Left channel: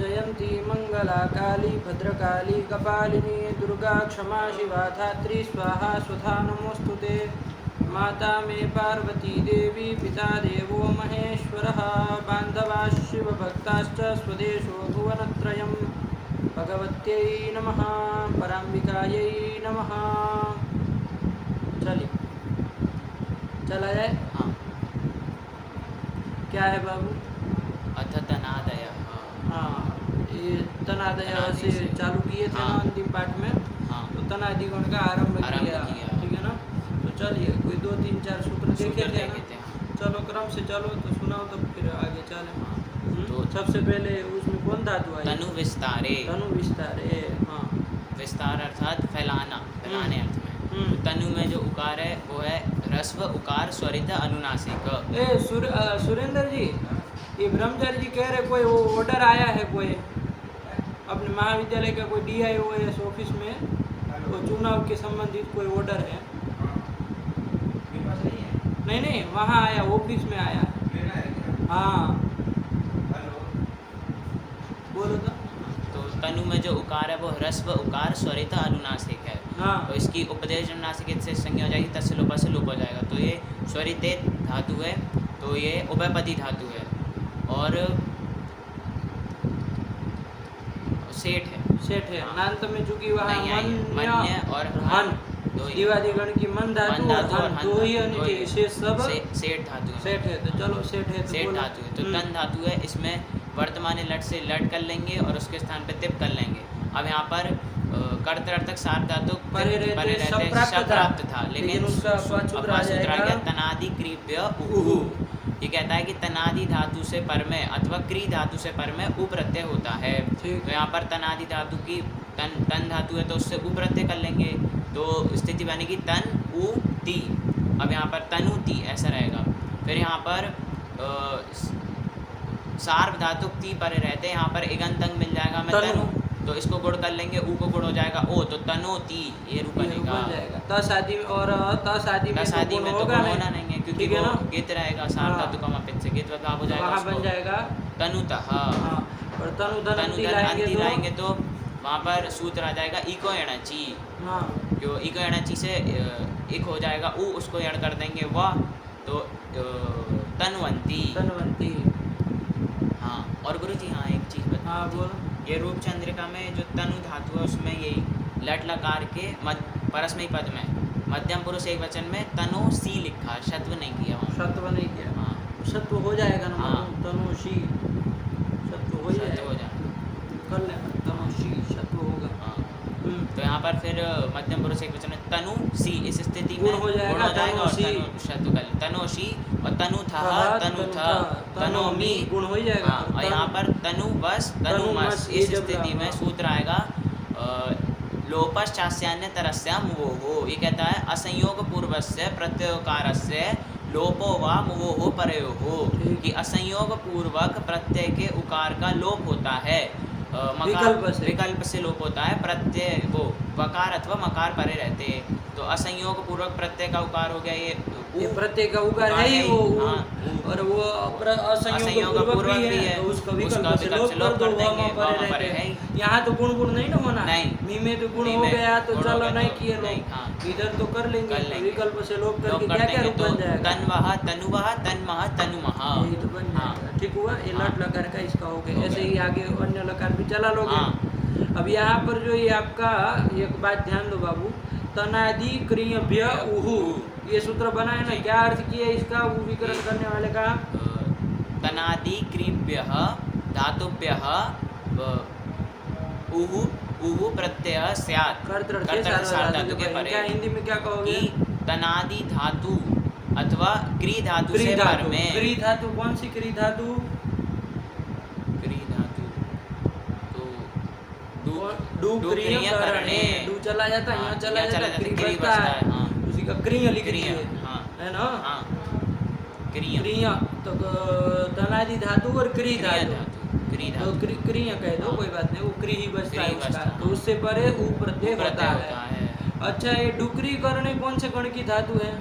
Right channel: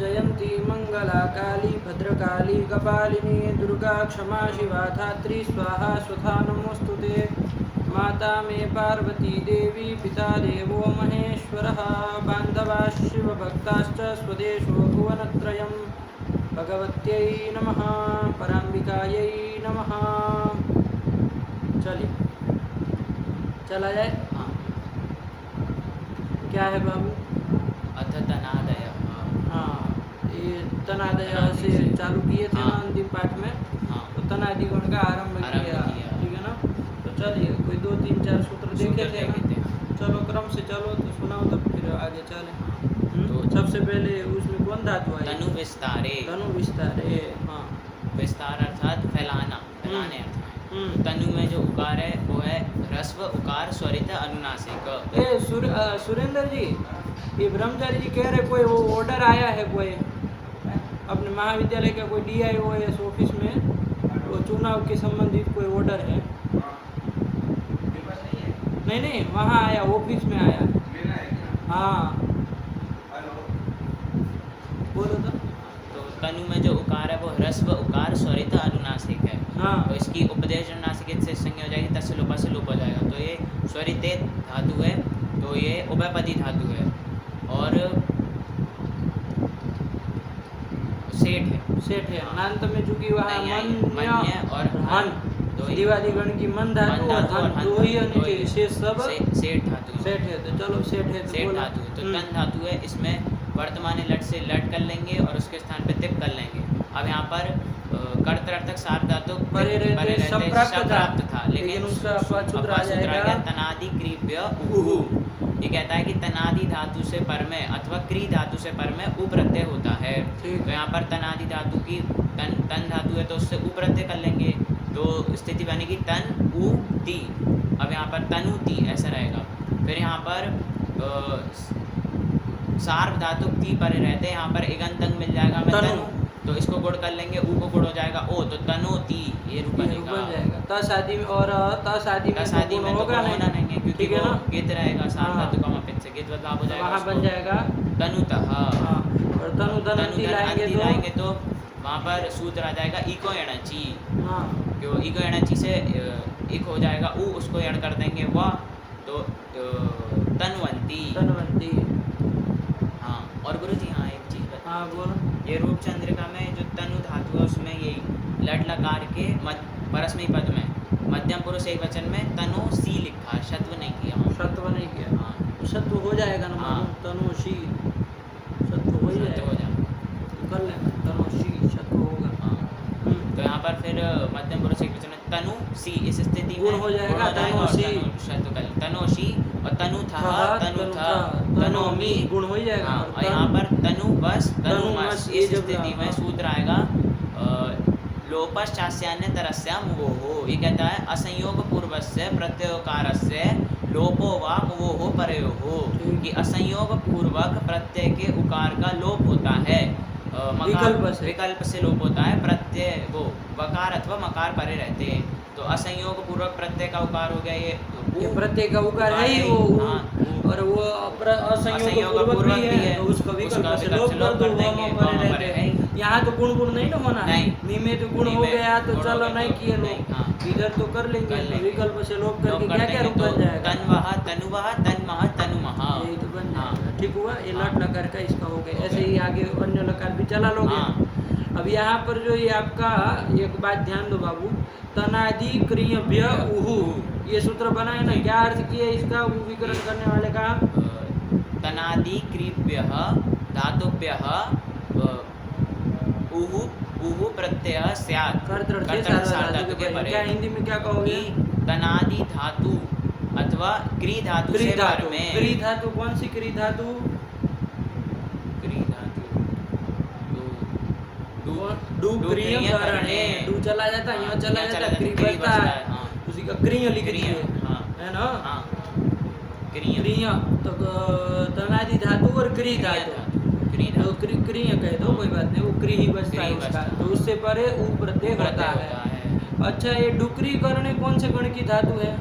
जयंती मंगला काली भद्रकाली कपालिनी दुर्गा क्षमा शिवा धात्री स्वाहा स्वधा नमोस्तुते। माता मे पार्वती देवी पिता देवो महेश्वरः बान्धवा शिवभक्ताश्च स्वदेशो भुवनत्रयम्। भगवत्यै नमः पराम्बिकायै नमः। चलिए चला जाए। हाँ। क्या है बाबू? अथ तनादय। हाँ, ये तनादय से चालू किए थे ना अंतिम पाठ में। हाँ। तो तनादि गुण का आरंभ किया, ठीक है ना। तो चलिए कोई 2-3-4 सूत्र देखे थे ना। चलो क्रम से चलो तो सुनाओ तब फिर आगे चले। तो सबसे पहले उसमें कौन धातु आई? तनु विस्तारे। तनु विस्तारे। हाँ, विस्तार अर्थात फैलाना, फैलाने अर्थ में। तनु में जो उकार है वो है ह्रस्व उकार स्वरित अनुनासिक। सुरेंद्र जी, ये ब्रह्मचारी जी कह रहे कोई वो ऑर्डर आया है कोई अपने महाविद्यालय का, कोई DIOS ऑफिस में वो चुनाव के संबंधित कोई ऑर्डर है? नहीं, वहाँ आया, ऑफिस में आया। हाँ बोलो तो। तनु में जो उकार है वो ह्रस्व उकार स्वरित अनुनासिक है। हाँ। तो इसकी उपदेश अनुनासिक से संज्ञा हो जाएगी, तस्य लोपा से लोप हो जाएगा। तो ये स्वरित धातु है, तो ये उभयपदी धातु है और सेठ है। अनंत में चूंकि वहाँ मन्य और हन दिवादी गण की मन धातु और हन दो ही होनी चाहिए, शेष सब सेठ धातु है। तो चलो सेठ है तो बोलो। धातु है। तो तन धातु है, इसमें वर्तमान लट से लट कर लेंगे और उसके स्थान पे तिप कर लेंगे। अब यहाँ पर कर्तर्थक सार धातु परे रहते सप्राप्त था, लेकिन उसका अपवाद आ जाएगा तनादि क्रीप्य उहु। ये कहता है कि तनादि धातु से पर में अथवा क्री धातु से पर में उ प्रत्यय होता है। तो यहाँ पर तनादि धातु की तन धातु है तो उससे उ प्रत्यय कर लेंगे, तो स्थिति बनेगी तन उ ती। अब यहाँ पर तनु ती ऐसा रहेगा। फिर यहाँ पर सार्व धातु ती परे रहते हैं, यहाँ पर इगंत अंग मिल जाएगा हमें तनु, तो इसको गुण कर लेंगे, उ को गुण हो जाएगा ओ, तो तनो ती ये रूप बन जाएगा। त शादी में और त शादी में होगा नहीं, क्योंकि ठीक है ना, गीत रहेगा सार्व धातु का अपेक्षा से गीत भाव हो जाएगा, वहाँ बन जाएगा तनुतः। और तनु धनंती लाएंगे तो वहाँ पर सूत्र आ जाएगा इको एणची। हाँ, जो इको एणची से इक हो जाएगा उ, उसको एण कर देंगे वह, तो तनवंती। हाँ, और गुरु जी हाँ एक चीज़ बता। हाँ बोलो। ये रूप चंद्रिका में जो तनु धातु है उसमें ये लट लकार के परस्मैी पद में मध्यम पुरुष एक वचन में तनो सी लिखा, शत्व नहीं किया। हाँ, सत्व हो जाएगा ना। हाँ। तनुषी सत्व हो जाएगा, कर लेना तनुषी सत्व होगा। हाँ। तो यहाँ पर फिर मध्यम पुरुष एक वचन में तनु सी, इस स्थिति गुण हो जाएगा तनुषी, तनुषी और तनु था तनोमी गुण हो जाएगा। और यहाँ पर तनु बस तनुमस, इस स्थिति में सूत्र आएगा लोपश्चास्यान्य तरस्याम वो हो। ये कहता है असंयोग पूर्वस्य प्रत्ययोकारस्य लोपो वा वो हो परयो हो, कि असंयोग पूर्वक प्रत्यय के उकार का लोप होता है, विकल्प से लोप होता है। प्रत्यय वो वकार अथवा मकार परे रहते हैं, तो असंयोग पूर्वक प्रत्यय का उकार हो गया ये प्रत्यय का उकार है ही वो। और वो असंयोग पूर्वक भी है तो उसका विकल्प से लोप कर दो, वह परे रहते हैं। यहाँ तो गुण नहीं ना होना है, मी में तो गुण हो गया तो चलो नहीं किए लोग, इधर तो कर लेंगे। विकल्प से लोप करके क्या रूप बन जाएगा? तन्वः तनुवः तन्मः तनुमः, यही तो बन जाएगा। ठीक हुआ, ये लट लकार का इसका हो गया। ऐसे ही आगे अन्य लकार भी चला लोगे। अब यहाँ पर जो ये आपका एक बात ध्यान दो बाबू, तनादि क्रियभ्य उहु, ये सूत्र बना है ना, क्या अर्थ किया इसका विकरण करने वाले का? तनादि क्रियभ्यः धातुभ्यः उहु उहु प्रत्यय स्यात्। क्या हिंदी में क्या कहोगे? तनादि धातु अथवा क्री धातु से पर में। क्री धातु कौन सी क्री धातु? डू क्रिय करण है, डू चला जाता है, यहाँ चला जाता है, क्री बचता है, उसी का क्रिय लिख रही है ना। क्रिय तो तनादि धातु और क्री धातु, तो क्रिय कह दो कोई बात नहीं, वो क्री ही बचता है उसका, तो उससे परे उ प्रत्यय होता है। अच्छा, ये डुक्री करणे कौन से गण की धातु है?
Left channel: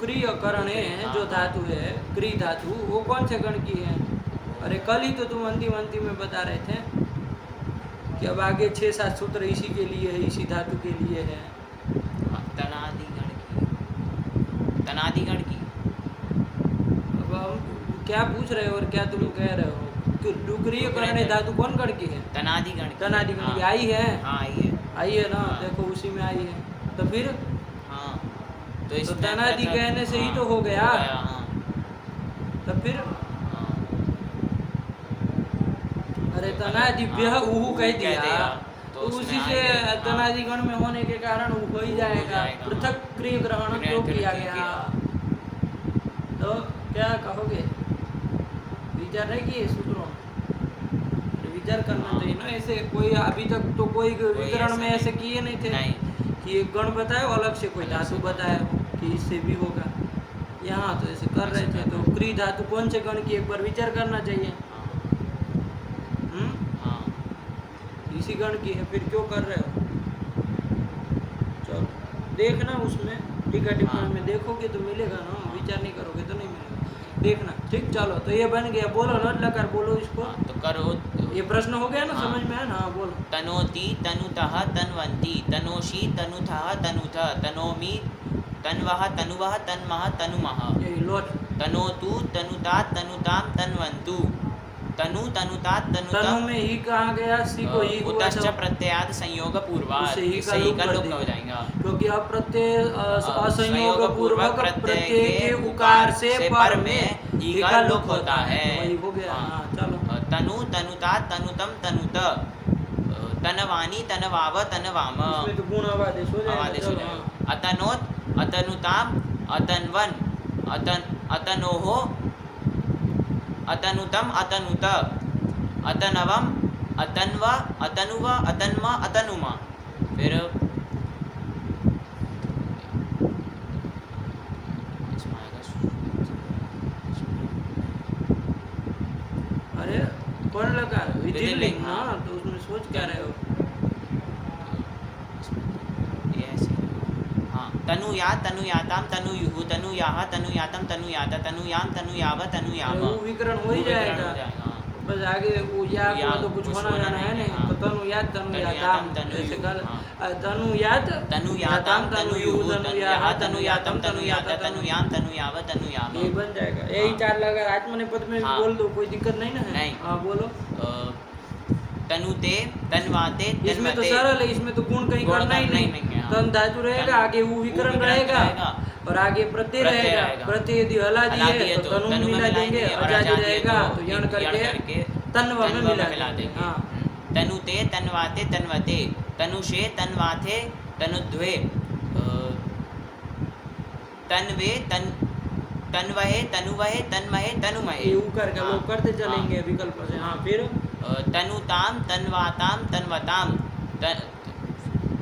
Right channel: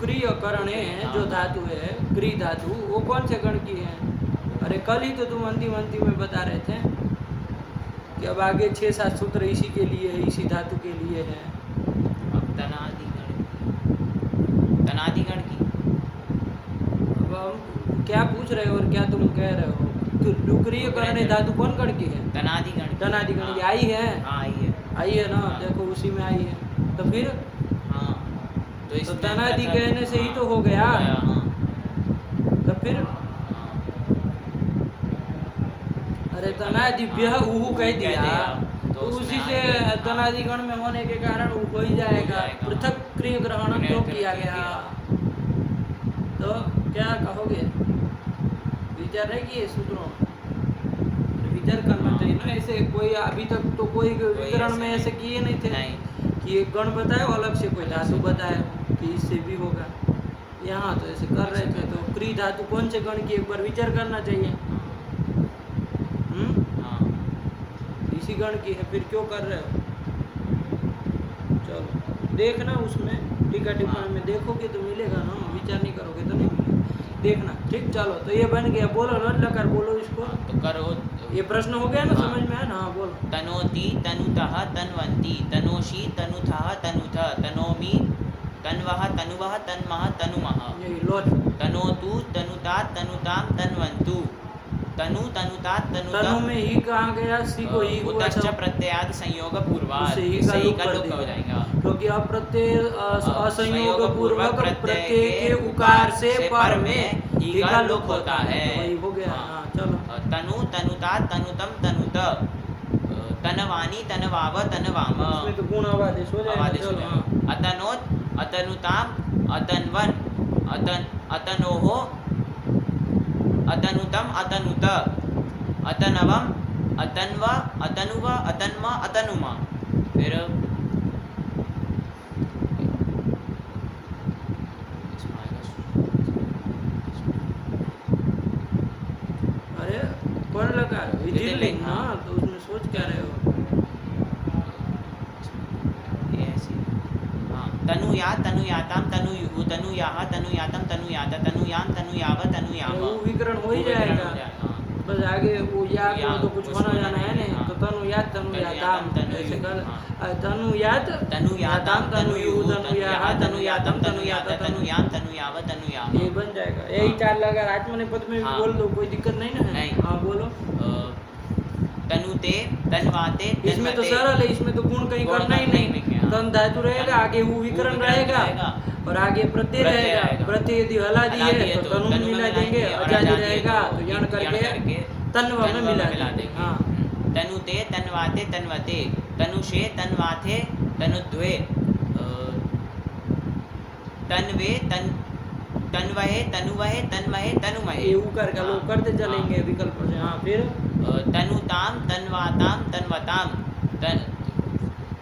डुक्रिय करणे जो धातु है, क्री धातु, वो कौन से गण की है? अरे कल ही तो तुम अंतिम में बता रहे थे कि अब आगे 6-7 सूत्र इसी के लिए है, इसी धातु के लिए है। तनादिगण की अब हम क्या पूछ रहे हो और क्या तुम कह रहे हो? तो डुक्रिय करणे धातु कौन गण की है? तनादिगण की आई है। आई है ना, देखो उसी में आई है। तो फिर तो तनादि कहने से ही तो हो गया। तो फिर अरे तनादिभ्यः उहु कह दिया तो उसी से तनादि गण में होने के कारण उ हो ही जाएगा। पृथक क्रिय ग्रहण क्यों किया गया? तो क्या कहोगे? विचार है कि ये सूत्रों विचार करना चाहिए ना। ऐसे कोई अभी तक तो कोई विकरण में ऐसे किए नहीं थे कि एक गण बताए अलग से कोई धातु बताया कि इससे भी होगा। यहाँ तो ऐसे कर रहे थे। तो क्री धातु कौन से गण की, एक बार विचार करना चाहिए। इसी गण की है, फिर क्यों कर रहे हो? चलो देखना उसमें टीका टिप्पणी में देखोगे तो मिलेगा ना, विचार नहीं करोगे तो नहीं मिलेगा। देखना ठीक। चलो तो ये बन गया। बोलो लट लकार बोलो इसको तो करो। ये प्रश्न हो गया ना, समझ में है ना? बोलो। तनोति तनुतः तन्वन्ति तनोषि तनुथः तनुथ तनोमि तन्वः तनुवः तन्मः तनुमः। यही लोट। तनोतु तनुता तनुताम तन्वन्तु तनु तनुता तनु तनुतम। में ही कहा गया, सी को ही हुआ उतश्च था। प्रत्ययाद संयोग पूर्वाद, उससे ही का सही लोप का कर लोप देगा। हो जाएगा। क्योंकि अब प्रत्यय असंयोग पूर्वक प्रत्यय के उकार से पर में ही का लोप होता है। तो वही हो गया। हाँ चलो। तनु तनुता तनुतम तनुत तनवानी तनवाव तनवाम। इसमें तो गुण आवादेश हो जाएगा। आवादेश हो चलो जाएगा। अतनोत अतनुताम अतन्वन अतनोहो अतनुतम अतनुत अतनवम अतन्व अतनुव अतन्म अतनुमा। फिर अरे कौन लगा विधिलिंग ना, तो उसमें सोच क्या रहे हो? तनुया तनुयाताम तनुयुः तनुयाः तनुयातम तनुयाता तनुयाम तनुयाव तनुयाम। वो विकरण हो ही जाएगा। बस आगे वो या को तो कुछ होना जाना है नहीं। तो तनुयात तनुयाताम ऐसे कर। तनुयात तनुयाताम तनुयुः तनुयाः तनुयातम तनुयाता तनुयाम तनुयाव तनुयाम। ये बन जाएगा। यही 4 लगा आत्मनेपद में भी बोल दो, कोई दिक्कत नहीं ना है। हाँ बोलो। तनुते तन्वाते इसमें तो सरल है, इसमें तो गुण कहीं करना ही नहीं। तन धातु रहेगा, आगे वो विकरण रहेगा और आगे प्रत्यय रहेगा। प्रत्यय यदि हलादी है तो तनु में मिला देंगे, अजादी रहेगा तो यण करके तन्व में मिला देंगे। हाँ। तनुते तन्वाते तन्वते तनुषे तन्वाथे तनुद्वे तन्वे तन्वहे तनुवहे तन्महे तनुमहे। ये उकार का लोग करते चलेंगे विकल्प से। हाँ फिर तनुताम तन्वाताम तन्वताम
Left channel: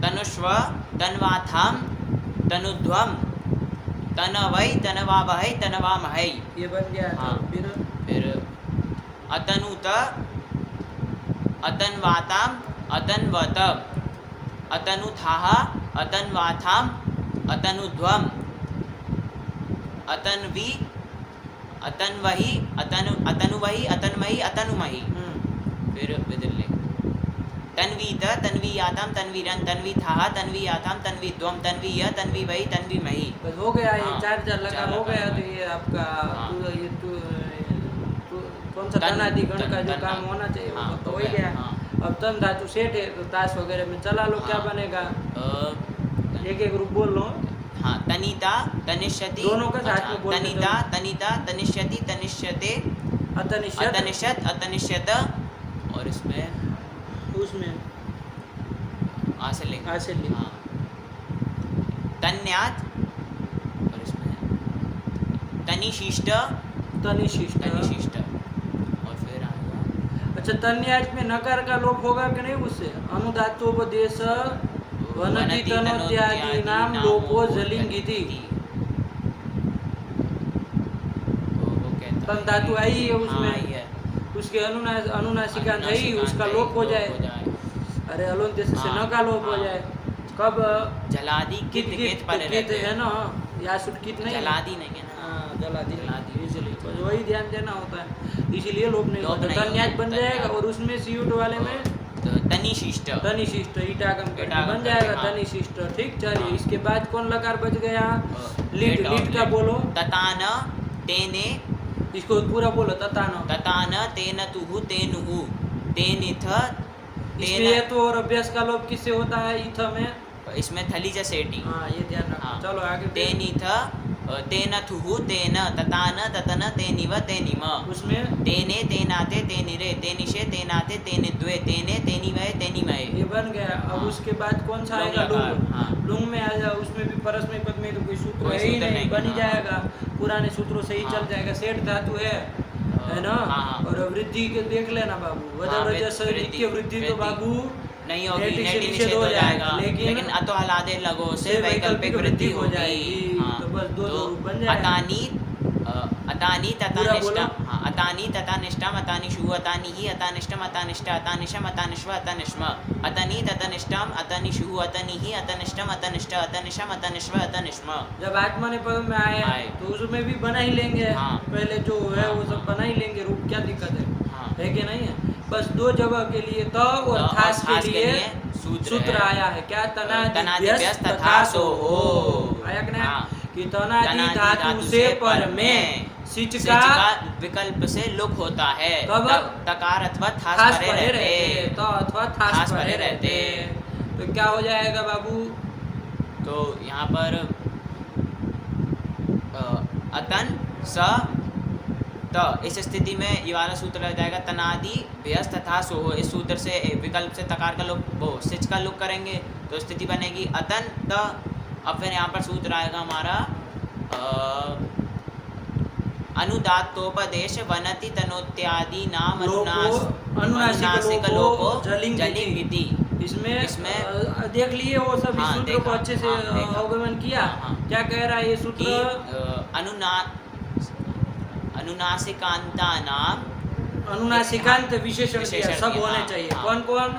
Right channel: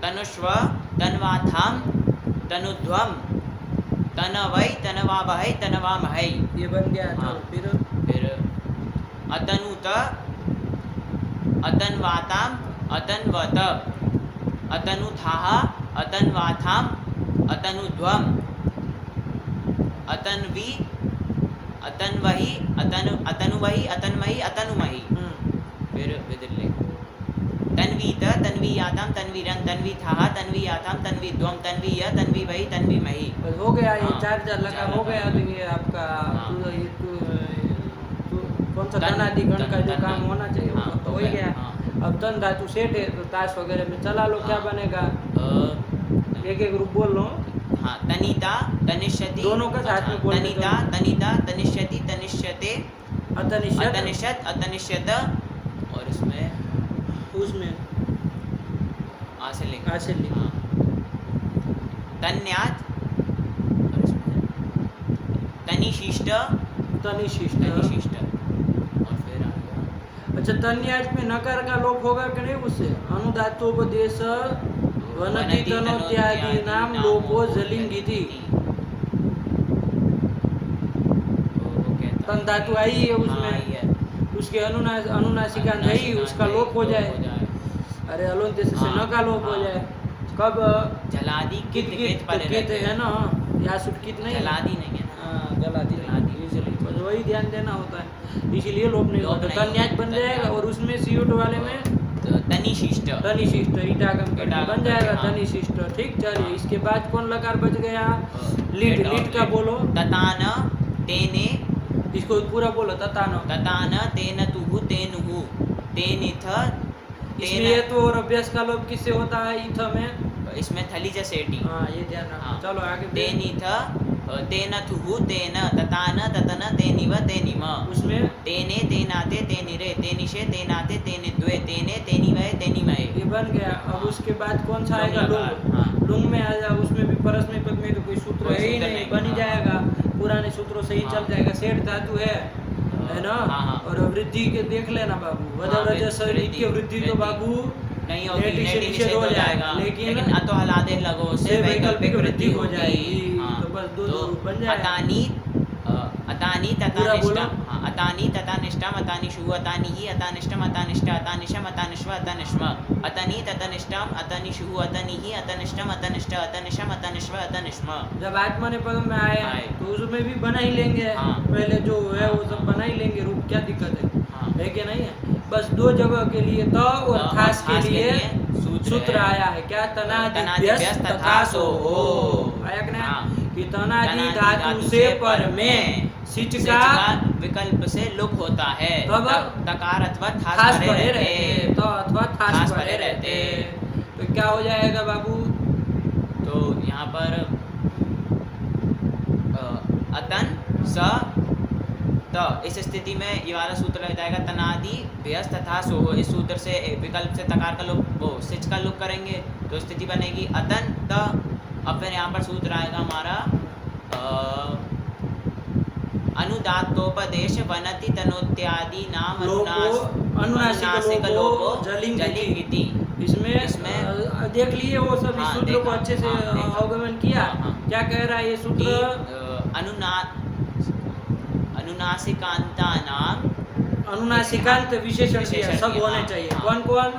तनुष्व तन्वाथाम तनुध्वम तनवै तनवावहै तनवामहै। ये बन गया। चलो फिर अतनुत अतन्वाताम अतन्वत अतनुथाः अतन्वाथाम अतनुध्वम अतन्वी अतन्वहि अतनुवहि अतन्महि अतनुमहि। फिर विदल्य तन्वीत तन्वीयाताम तन्वीरन तन्वीथाः तन्वीयाताम तन्वीध्वम तन्वीय तन्वीवहि तन्वीमहि। बस हो गया। ये 4 लगा हो गया। तो ये आपका ये कौन सा तनादि गण का जो काम होना चाहिए वो तो हो ही गया। अब तन धातु सेठ है तो ताश वगैरह में चला लो। क्या बनेगा? एक रूप बोल लो। हाँ तनिता तनिष्यति। दोनों का साथ में बोल। तनिता तनिता तनिष्यति तनिष्यते अतनिष्यत अतनिष्यत अतनिष्यत। और उसमें आसे ले। तन्यात और उसमें तनिशिष्ट तनिशिष्ट। और फिर आ गया। अच्छा तन्यात में नकार का लोप होगा कि नहीं? उससे अनुदातोपदेश वनति तनोत्यादि नाम लोपो जलिंगिति। तन धातु आई है उसमें, उसके अनुनासिकांत है ही, उसका लोप हो जाए। अरे अलोन से न का लोप हो जाए। कब? जलादि कित है ना। यहाँ सुटकित नहीं है। जला दी नहीं है ना। हाँ जला दी जला दी। इसलिए बस वही ध्यान देना होता है, इसीलिए लोप नहीं लोप होता। नहीं तन्याज होता, बन जाएगा तन्याज। और उसमें सीयूट वाले में तो तनिशिष्ट। तनिशिष्ट ईटागम करके ईटागम बन जाएगा करके, हाँ। तनिशिष्ट। ठीक चलिए हाँ। इसके बाद कौन लकार बच गया? लीट। लेट लीट का और बोलो, ततान तेने इसको पूरा बोलो ततानो। ततान तेन तुहु तेनुहु तेनिथ इसमें ये तो और अभ्यास का लोप किससे होता है? इथ में। इसमें थली से सेटी। हाँ ये ध्यान रखो। हाँ। चलो आगे फिर। तेनिथ तेन थुहु तेन ततान ततन तेनिव तेनिम उसमें तेने तेनाते तेनिरे तेनिशे तेनाते तेनिद्वे तेने तेनिमय तेनिमय। ये बन गया। अब हाँ। उसके बाद कौन सा लुंग आएगा? लकार, लुंग। हाँ। लुंग में आ जाओ, उसमें भी परस्मय पद में तो कोई सूत्र कोई है ही सूत्र नहीं, नहीं, बन ही हाँ। जाएगा। पुराने सूत्रों से ही हाँ। चल जाएगा। सेठ धातु है ना। हाँ, हाँ। और वृद्धि के देख लेना बाबू, वजवरज नित्य वृद्धि तो बाबू नहीं होगी, नेटि से नेटि निषेध हो जाएगा, लेकिन अतो हलादे लगो से से वैकल्पिक वृद्धि हो जाएगी। हाँ। तो बस दो रूप बन जाएगा। अतानी तथा पूरा बोलो। निष्ठम, हाँ, अतानी तथा निष्ठम अतानिषु अतानि ही अतानिष्टम अतानिष्ट अतानिशम अतानिष्व अतानिष्म अतनी ततनिष्टम अतनिषु अतनि ही अतनिष्टम अतनिष्ट अतनिशम अतनिष्व अतनिष्म। जब आत्मने पद में आए आए। तो उसमें भी बना ही लेंगे। हाँ। पहले जो है वो हाँ, सब हाँ। बना ही लेंगे रूप, क्या दिक्कत है? हाँ। है कि नहीं है? बस दो जगह के लिए त और थास के लिए सूत्र है। आया है। क्या? तनादि तनादि व्यस्त व्यस्त तथा सो हो। आया आया कि नहीं? हाँ। कि तनादि तनादि धातु से पर में सिच सिच का विकल्प से लुक होता है। कब? तकार अथवा थास परे रहते तो अथवा थास परे रहते, तो क्या हो जाएगा बाबू? तो यहाँ पर अतन स त, इस स्थिति में ये वाला सूत्र रह जाएगा तनादि व्यस्त तथा सो हो। इस सूत्र से विकल्प से तकार का लोप वो सिच का लोप करेंगे तो स्थिति बनेगी अतन त। अब फिर यहाँ पर सूत्र आएगा हमारा अनुदात्तोपदेश वनति तनोत्यादि नाम अनुनासिक लोपो जलिंगिति। इसमें इसमें देख लिए वो सब इस हाँ, सूत्र को देखा, अच्छे से हाँ, देखा। अवगमन किया। हाँ, हाँ। क्या कह रहा है ये सूत्र? अनुनासिकांता नाम अनुनासिकांत विशेषण दिया, सब दिया, होने हाँ, चाहिए। हाँ। कौन कौन?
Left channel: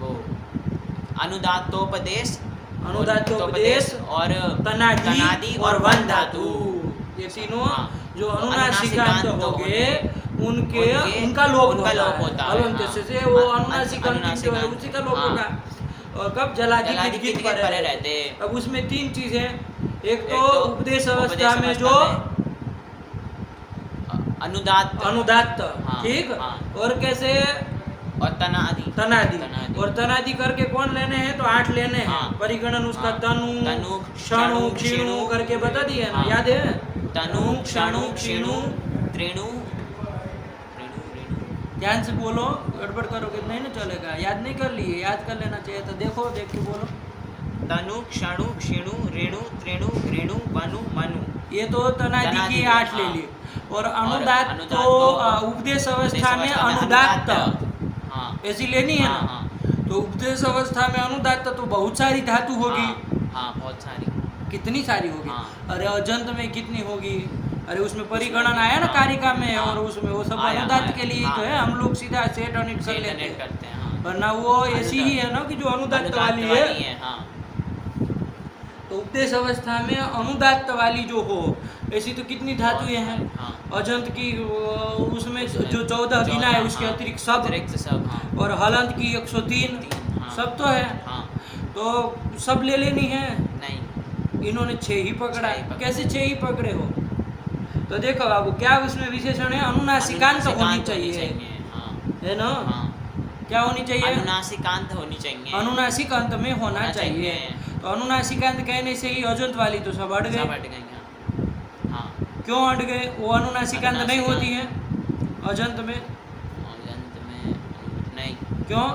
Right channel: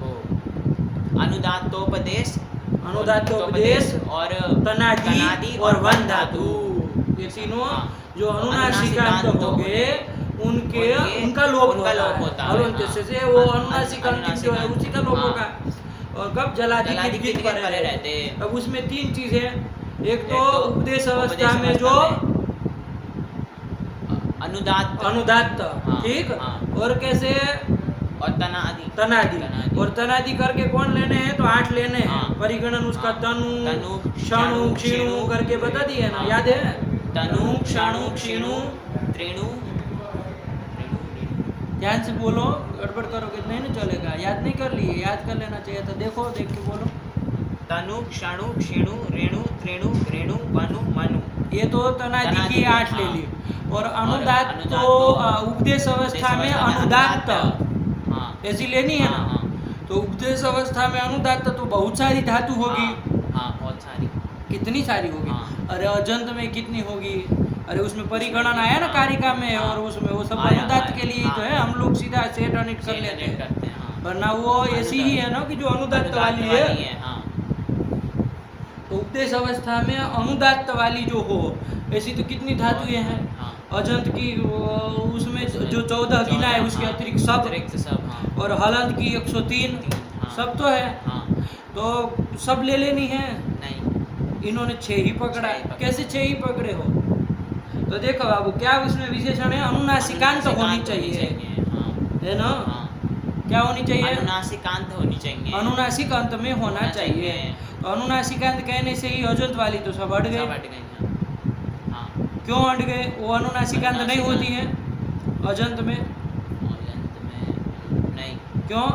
वो अनुदात्तोपदेश अनुदात्तोपदेश और तनादि और वन धातु, ये तीनों हाँ। जो तो अनुनासिकांत अनुनासिकांत हो गए उनके उनके- उनका लोप उनका लोप होता है, हलंत हाँ। से वो अनुनासिकांत जो है अनुनासिकांत, उसी का लोप हाँ। होगा। और कब? जलादि जलादि गिट गिट पर परे रहते। रहते। अब उसमें तीन चीजें, एक तो एक तो उपदेश अवस्था उपदेश में अवस्था जो अनुदात्त अनुदात्त, हाँ, ठीक, हाँ। और कैसे? और तनादि तनादि। और तनादि करके कौन लेने हैं? तो 8 लेने हैं। हाँ। परिगणन उसका हाँ। तनु तनु, क्षणु क्षणु, क्षीणु करके बता दिए ना, हाँ। याद है? तनु क्षणु क्षीणु। त्रेणु ध्यान से बोलो, गड़बड़ करोगे तो नहीं ना चलेगा। याद नहीं कर लिए? याद कर लेना चाहिए था। देखो, देख के बोलो। तनु क्षणु क्षीणु रेणु त्रेणु रेणु वनु मनु। ये तो तनादि की तनादि, 8 ले हाँ। ली। और अनुदात्त अनुदात्त तो उपदेश अवस्था में अनुदात्त हाँ। ऐसी लेनी है हाँ, ना। हाँ। तो उपदेश अवस्था में अनुदात्त तो बहुत सारी धातु होगी। हाँ, बहुत सारी। कितनी सारी होगी? हाँ। अरे अजंत में कितनी होगी? अरे उसमें परिगणन आया ना कारिका में, हाँ। और उसमें वो सब आया, अनुदात्त आया, के लिए ही हाँ। तो है। हम लोग सीधा सेट अनिट कर लेते हैं, करते हैं, हाँ। वरना वो ऐसी ही है ना कि जो अनुदात्त वाली है। हाँ। तो उपदेश अवस्था में अनुदात्त वाली जो हो, ऐसी तो कितनी धातुएं हैं? हाँ। अजंत की उसमें जो 14 गिना है, उसके हाँ, अतिरिक्त सब। सब, हाँ। और हलंत की 103, हाँ। सब तो है। हाँ। तो सब ले लेनी है। नहीं, इन्होंने 6 ही पकड़ा। 6 ही पकड़ा। कैसे 6 ही पकड़े हो? तो देखो बाबू, क्या उसमें विशेषण है? अनुनासिकांत होनी चाहिए, हाँ। है ना? हाँ। क्या होनी चाहिए? अनुनासिकांत होनी चाहिए। अनुनासिक अंत में होना चाहिए। तो अनुनासिकांत कहने से ही अजंत वाली तो सब हट सब गए। हट गए, हाँ। क्यों हट गए? वो अनुनासिकांत नहीं होती है अजंत में। अजंत में नहीं, क्यों?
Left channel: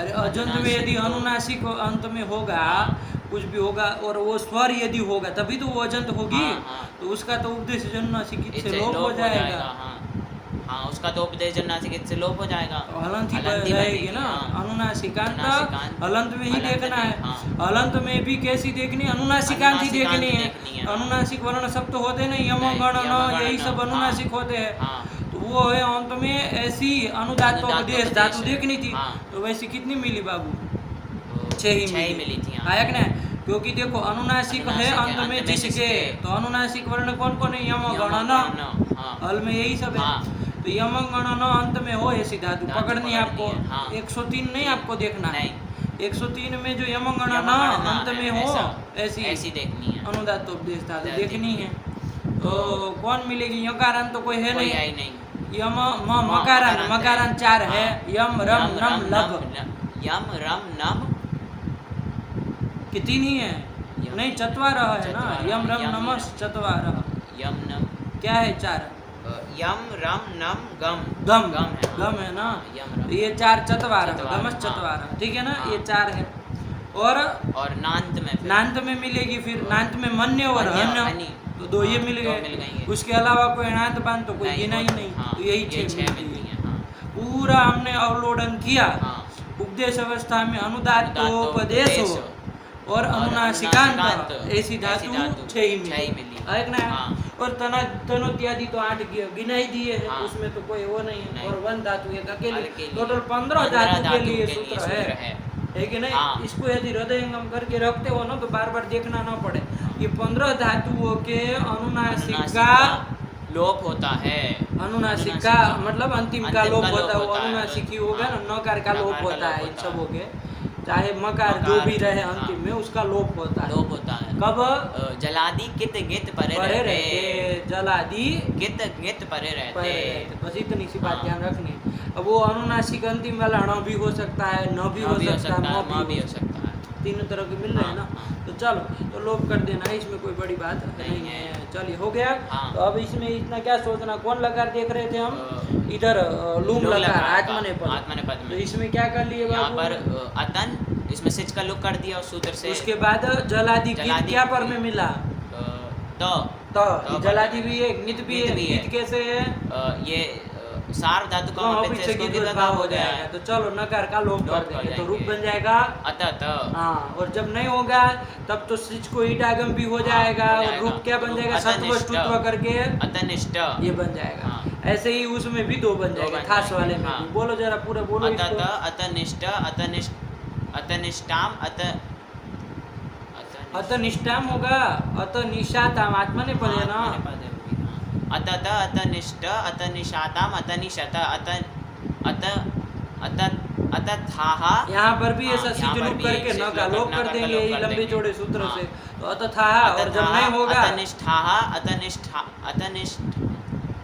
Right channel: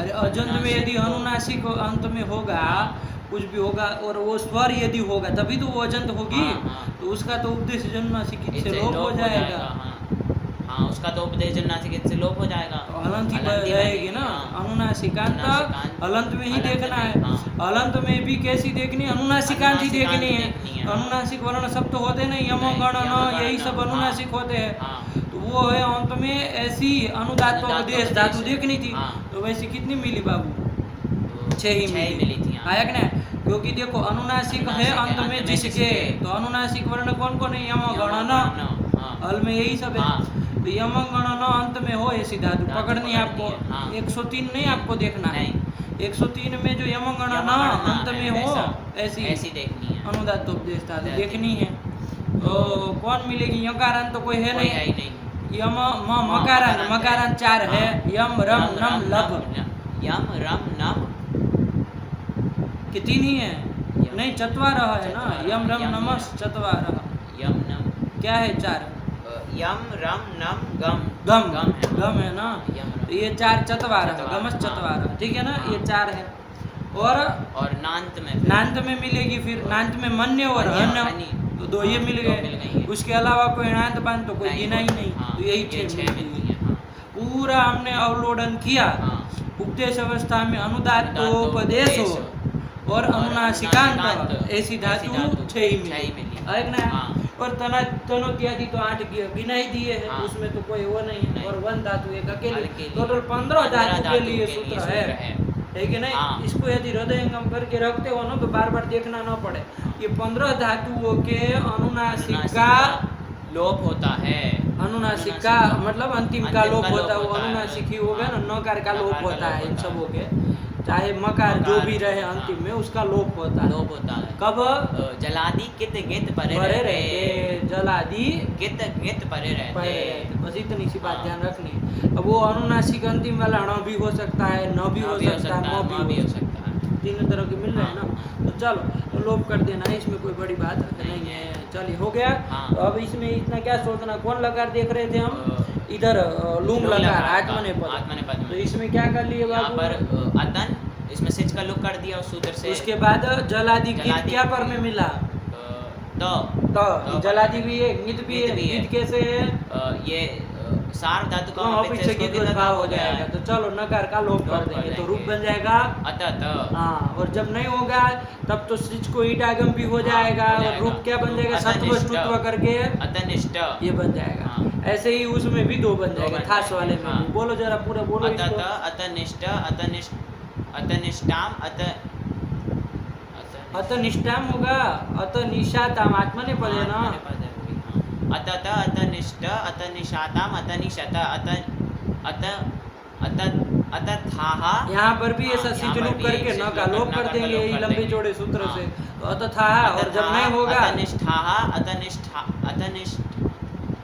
अरे अजंत में यदि अनुनासिक अंत में होगा, कुछ भी होगा, और वो स्वर यदि होगा तभी तो वो अजंत होगी। हाँ, हाँ। तो उसका तो उपदेश अनुनासिक से इससे लोप हो जाएगा। हाँ। हाँ, उसका तो उपदेश अनुनासिक से लोप हो जाएगा। तो हलंत ही हलंत ही रहेगी ना। हाँ। अनुनासिकांत अनुनासिकांत, हलंत में ही हलंत देखना में, है। हाँ। हलंत में भी कैसी देखनी? अनुनासिकांत ही देखनी है। देखनी है, हाँ। अनुनासिक वर्ण सब तो होते नहीं, यम नहीं, गण यम, न, गण, यही न, सब अनुनासिक होते हैं। हाँ। तो वो है अंत में ऐसी अनुदात्तोपदेश धातु देखनी थी। हाँ। तो वैसी कितनी मिली बाबू? छह ही छह ही मिली मिली थी, हाँ। आया कि नहीं? क्योंकि देखो अनुनासिक है अंत में जिसके, तो अनुनासिक वर्ण कौन कौन है? यम गण न, हाँ। हल में यही सब है। हाँ। तो यम गण न अंत में हो ऐसी धातु धातु पकड़नी है पकड़नी आपको। है, हाँ। 103 नहीं आपको देखना है, नहीं। 103 में जो यम गण न यम गण न अंत में हो ऐसी ऐसी देखनी है, अनुदात उपदेश धातु धातु देखनी है। तो कौन मिलेगी? यकारांत तो कोई है कोई नहीं। है ही नहीं। यम म मकारांत, मकारांत 4 है। यम रम नम लभ यम रम नम कि 3 ही है? यम। नहीं, चत्वारः है ना। चत्वारः, यम रम यम नमः चत्वारः। यम नम क्या है? 4 यम रम नम गम गम, है। गम है ना। यम तो ये 4 चत्वारः, चत्वारः, गमस हाँ। चत्वारः, ठीक है ना। हाँ। ये 4 है। और नांत में फिर नांत में मिलेगी, फिर नांत में मन्य और मन्य, हन्य, हन्य। तो 2 ये हाँ, मिल 2 मिल गए। गई। उसके अलावा कोई नांत बांध तो कोई नहीं, गिना ही नहीं। हाँ, तो यही ये 6 छह मिलती मिलती है। है, हाँ। पूरा हमने अवलोकन किया। हाँ। उपदेश अवस्था में अनुदात्तोपदेश हो अनुदात्तोपदेश और अनुनासिकांत अनुनासिकांत ऐसी धातु 6 ही छह ही मिली मिली। है ना। हाँ। और तनोत्यादि तो 8 गिना ही दिए हैं, हाँ। उसमें तो कोई वो नहीं है। नहीं। और 1 धातु एक अकेली, अकेली। टोटल 15 धातु के लिए सूत्र है कि नहीं। हाँ। इसको यदि हृदयंगम करके रखते हो ना तो बार बार देखना ना पड़े। ये 15 धातुओं के अनुनासिक का लोप होता है। अनुनासिक का मतलब अंतिम का लोप होता है। वो होता है। अनुनासिक ही होगा ना, नकार का लोप नकार का होता लोप है इन होता सबों के। चाहे मकार जो भी रहे हाँ। अंतिम में उसका लोप होता है। लोप होता है। कब? जलादि कित गित परे परे रहते, रहते, जलादि गित गित परे रहते। परे रहते, बस इतनी सी बात हाँ। ध्यान रखनी। अब वो अनुनासिक अंतिम वाला ण भी हो सकता है, न भी हो सकता है, म भी हो सकता है। तीनों तरह के मिल रहे हैं ना। हाँ। तो चलो, तो लोप कर देना है, इसमें कोई बड़ी बात नहीं है। चलिए, हो गया। हाँ। तो अब इसमें इतना क्या सोचना, कौन लकार देख रहे थे हम? इधर लूम लकार, आत्मनेपद। आत्मनेपद में। तो इसमें क्या कर लिए यहाँ बाबू? पर अतन, इसमें सिच का लोप कर दिया उस सूत्र से। उसके बाद जलादि गीत जलादि क्या पर में मिला? तो जलादि भी है, गीत भी है। गीत भी है। गीत कैसे है? ये सार धातु का तो पीछे गीत भाव हो जाएगा। तो चलो नकार का लोप कर देंगे, तो रूप बन जाएगा अतत। हाँ। और जब नहीं होगा तब तो सिच को ईटागम भी हो जाएगा। हो और जाएगा। रूप क्या बन जाएगा? अतनिष्ठ। सत्व ष्टुत्व करके अतनिष्ठ। ये बन जाएगा। हाँ। ऐसे ही उसमें भी 2 बन जाएगा, बन थास जाएगा, वाले में हाँ। भी। बोलो जरा पूरा बोलो अतत इसको। अतनिष्ठ अतनिष्ठाम अतनिष्ठाम होगा, अतनिशाताम आत्मनेपद है ना। अतत अतनिष्ठ अतनिशाताम अतनिशत अतथाः। यहाँ पर भी ऐसा हाँ, सिच यहाँ पर लूप भी करके न का लोप कर देंगे, यही लंबे देंगे। चौड़े सूत्र हाँ। से। तो अतथाः, और जब नहीं होगा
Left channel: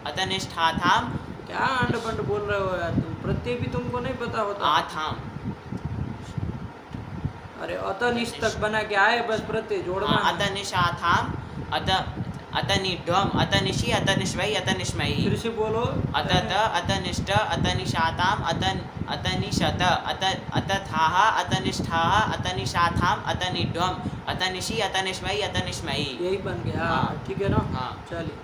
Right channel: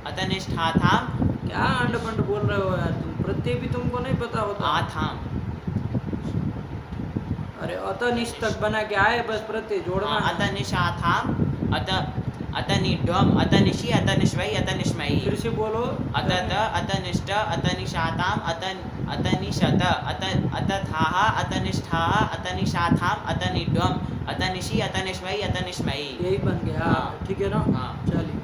अतनिष्ठाथाम क्या अंड पंड बोल रहे हो यार तुम? प्रत्यय भी तुमको नहीं पता होता। आथाम। अरे अतनिष्ठ तक बना के आए, बस प्रत्यय जोड़ना है। अतनिशाथाम अतनिढ्वम अतनिशि अतनिश्वै अतनिश्मयि। फिर से बोलो। अतत अतनिष्ठ अतनिशाताम अतनिशत अतथाः अतनिष्ठाः अतनिशाथाम अतनिढ्वम अतनिशि अतनिश्वै अतनिश्मयि। यही बन गया, हाँ। ठीक है ना। हाँ। चलिए,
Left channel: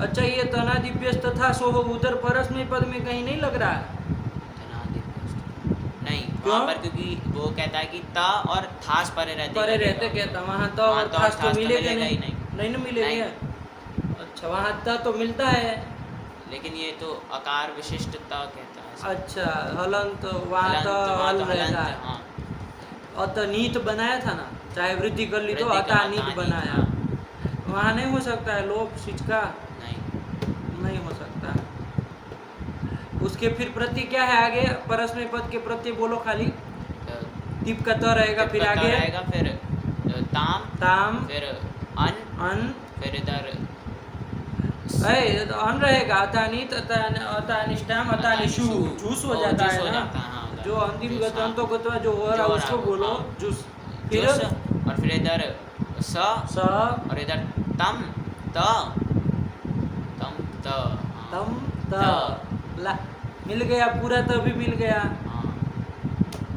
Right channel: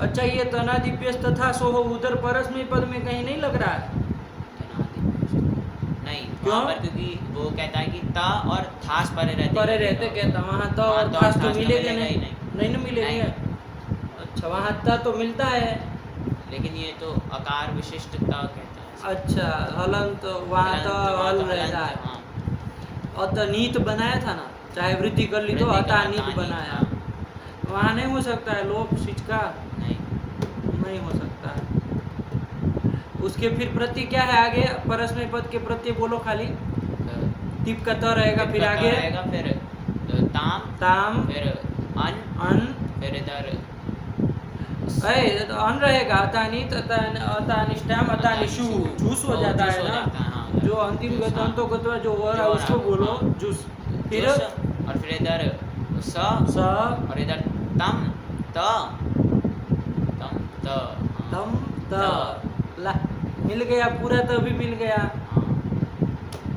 अच्छा ये तनादिभ्यस्त तथा सोहो उधर परस्मय पद में कहीं नहीं लग रहा है? नहीं, क्यों? वहाँ पर क्योंकि वो कहता है कि ता और थास परे रहते। परे रहते कहता, वहाँ त और हाँ, थास तो थास मिलेगा ही नहीं। नहीं ना मिलेंगे। अच्छा, वहाँ त तो मिलता है। लेकिन ये तो अकार विशिष्ट ता कहता है। अच्छा, हलंत वहाँ तो हल रहता है। हाँ। अतनीत बनाया था ना, चाहे वृद्धि कर ली तो वृद्धि का अतानीत अतानीत, बनाया। हाँ। वहाँ नहीं हो सकता है लोप सिच का, नहीं। नहीं हो सकता है। उसके फिर प्रत्यय क्या है आगे? परस्मय पद के प्रत्यय बोलो खाली। टिप का त रहेगा, फिर आगे रहेगा, फिर ताम, ताम, फिर अन, फिर इधर तो अन रहेगा, अतानित, अतानिष्ठाम, अतानिशु, जूस हो जाता है ना। हाँ। जो अंतिम गतंतो गतवा जो हो रहा है उसको बोलो जूस। फिर और फिर इधर स स, और इधर तम त तम त तम, त, ला, मिल गया पूरा। तो भी मिल गया।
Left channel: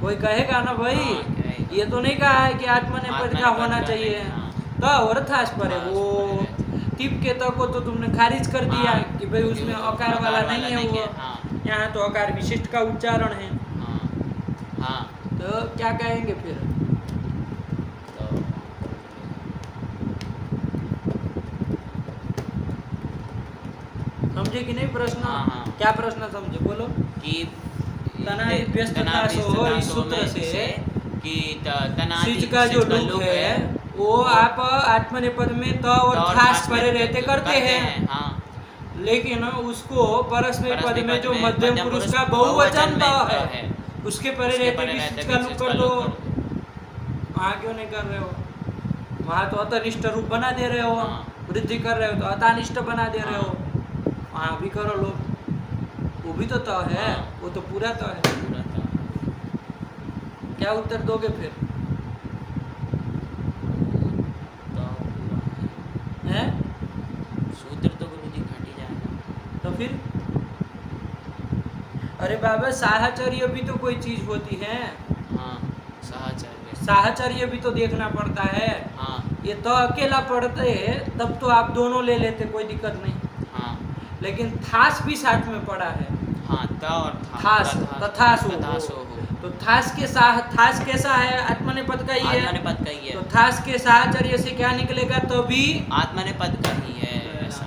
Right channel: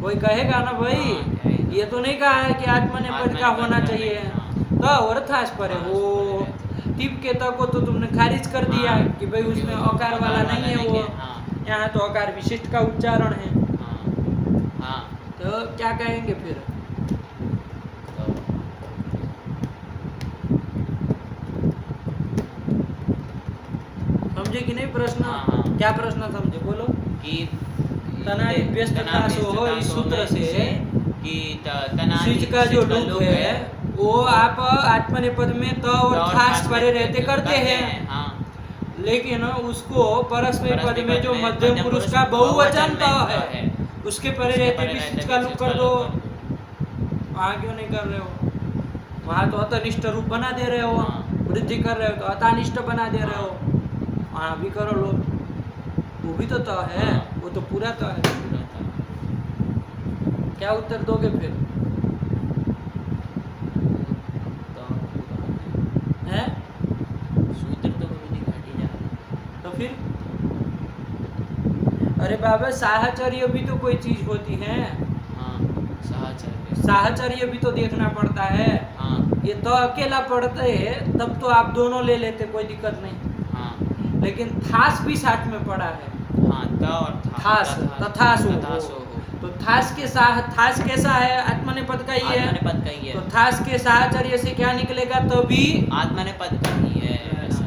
कोई कहेगा ना भाई, कहेगा। ये तो नहीं कहा है कि आत्मनेपद का होना चाहिए। तो और थास पर है वो टिप के त को तो तुमने खारिज कर दिया कि भाई उसमें अकार वाला नहीं है वो। यहाँ तो अकार विशिष्ट का उच्चारण है। हाँ। तो क्या कहेंगे फिर? समझे कि नहीं प्रश्न? हाँ। क्या प्रश्न समझे बोलो? कि तनादिभ्यस्त था सो हो, इस सूत्र से कि तनादि सिज का जो लुक है वो आप आत्मनेपद में त और थास परे रहते करते हैं, हाँ। लेकिन उसको परस्मै पद परस्मै में पद जो में मध्यम पुरुष का बहुवचन त है है, उसके परे उसके रहते परे भी रहते सिज भी का लुक सिज कर का दो। लुक कर दो। वहाँ क्यों नहीं कर रहे हो? वहाँ तो अतनिष्ठ रूप बना दे रहे हो, हाँ। वृद्धि कर रहे हो तो अतानिष्ठ बना दे रहे हो। वहाँ भी करो लो, वो भी तो त है, हाँ। वो तो पूरा त है। क्या उत्तर दोगे फिर? हैं? सूत्र तो कभी नहीं घट ही जाएगा। तो फिर अरे बाबा साहचर्य भी तो कोई चीज होती है, हाँ, साहचर्य। साहचर्य भी तो देखना पड़ता है। हाँ, ये तो अकेला पढ़ते तब तो आप दोनों ले लेते, कोई दिक्कत नहीं, हाँ, लेकिन थास भी साथ में पड़ा है। हाँ, त और थास, तथासो तथासो हो। हो। तो थास के साह, थास कैसा है? आत्मनेपद का ही है। आत्मनेपद का ही है। तो थास के साहचर्य से क्या निकलेगा? तो भी आत्मनेपद का ही है ऐसा।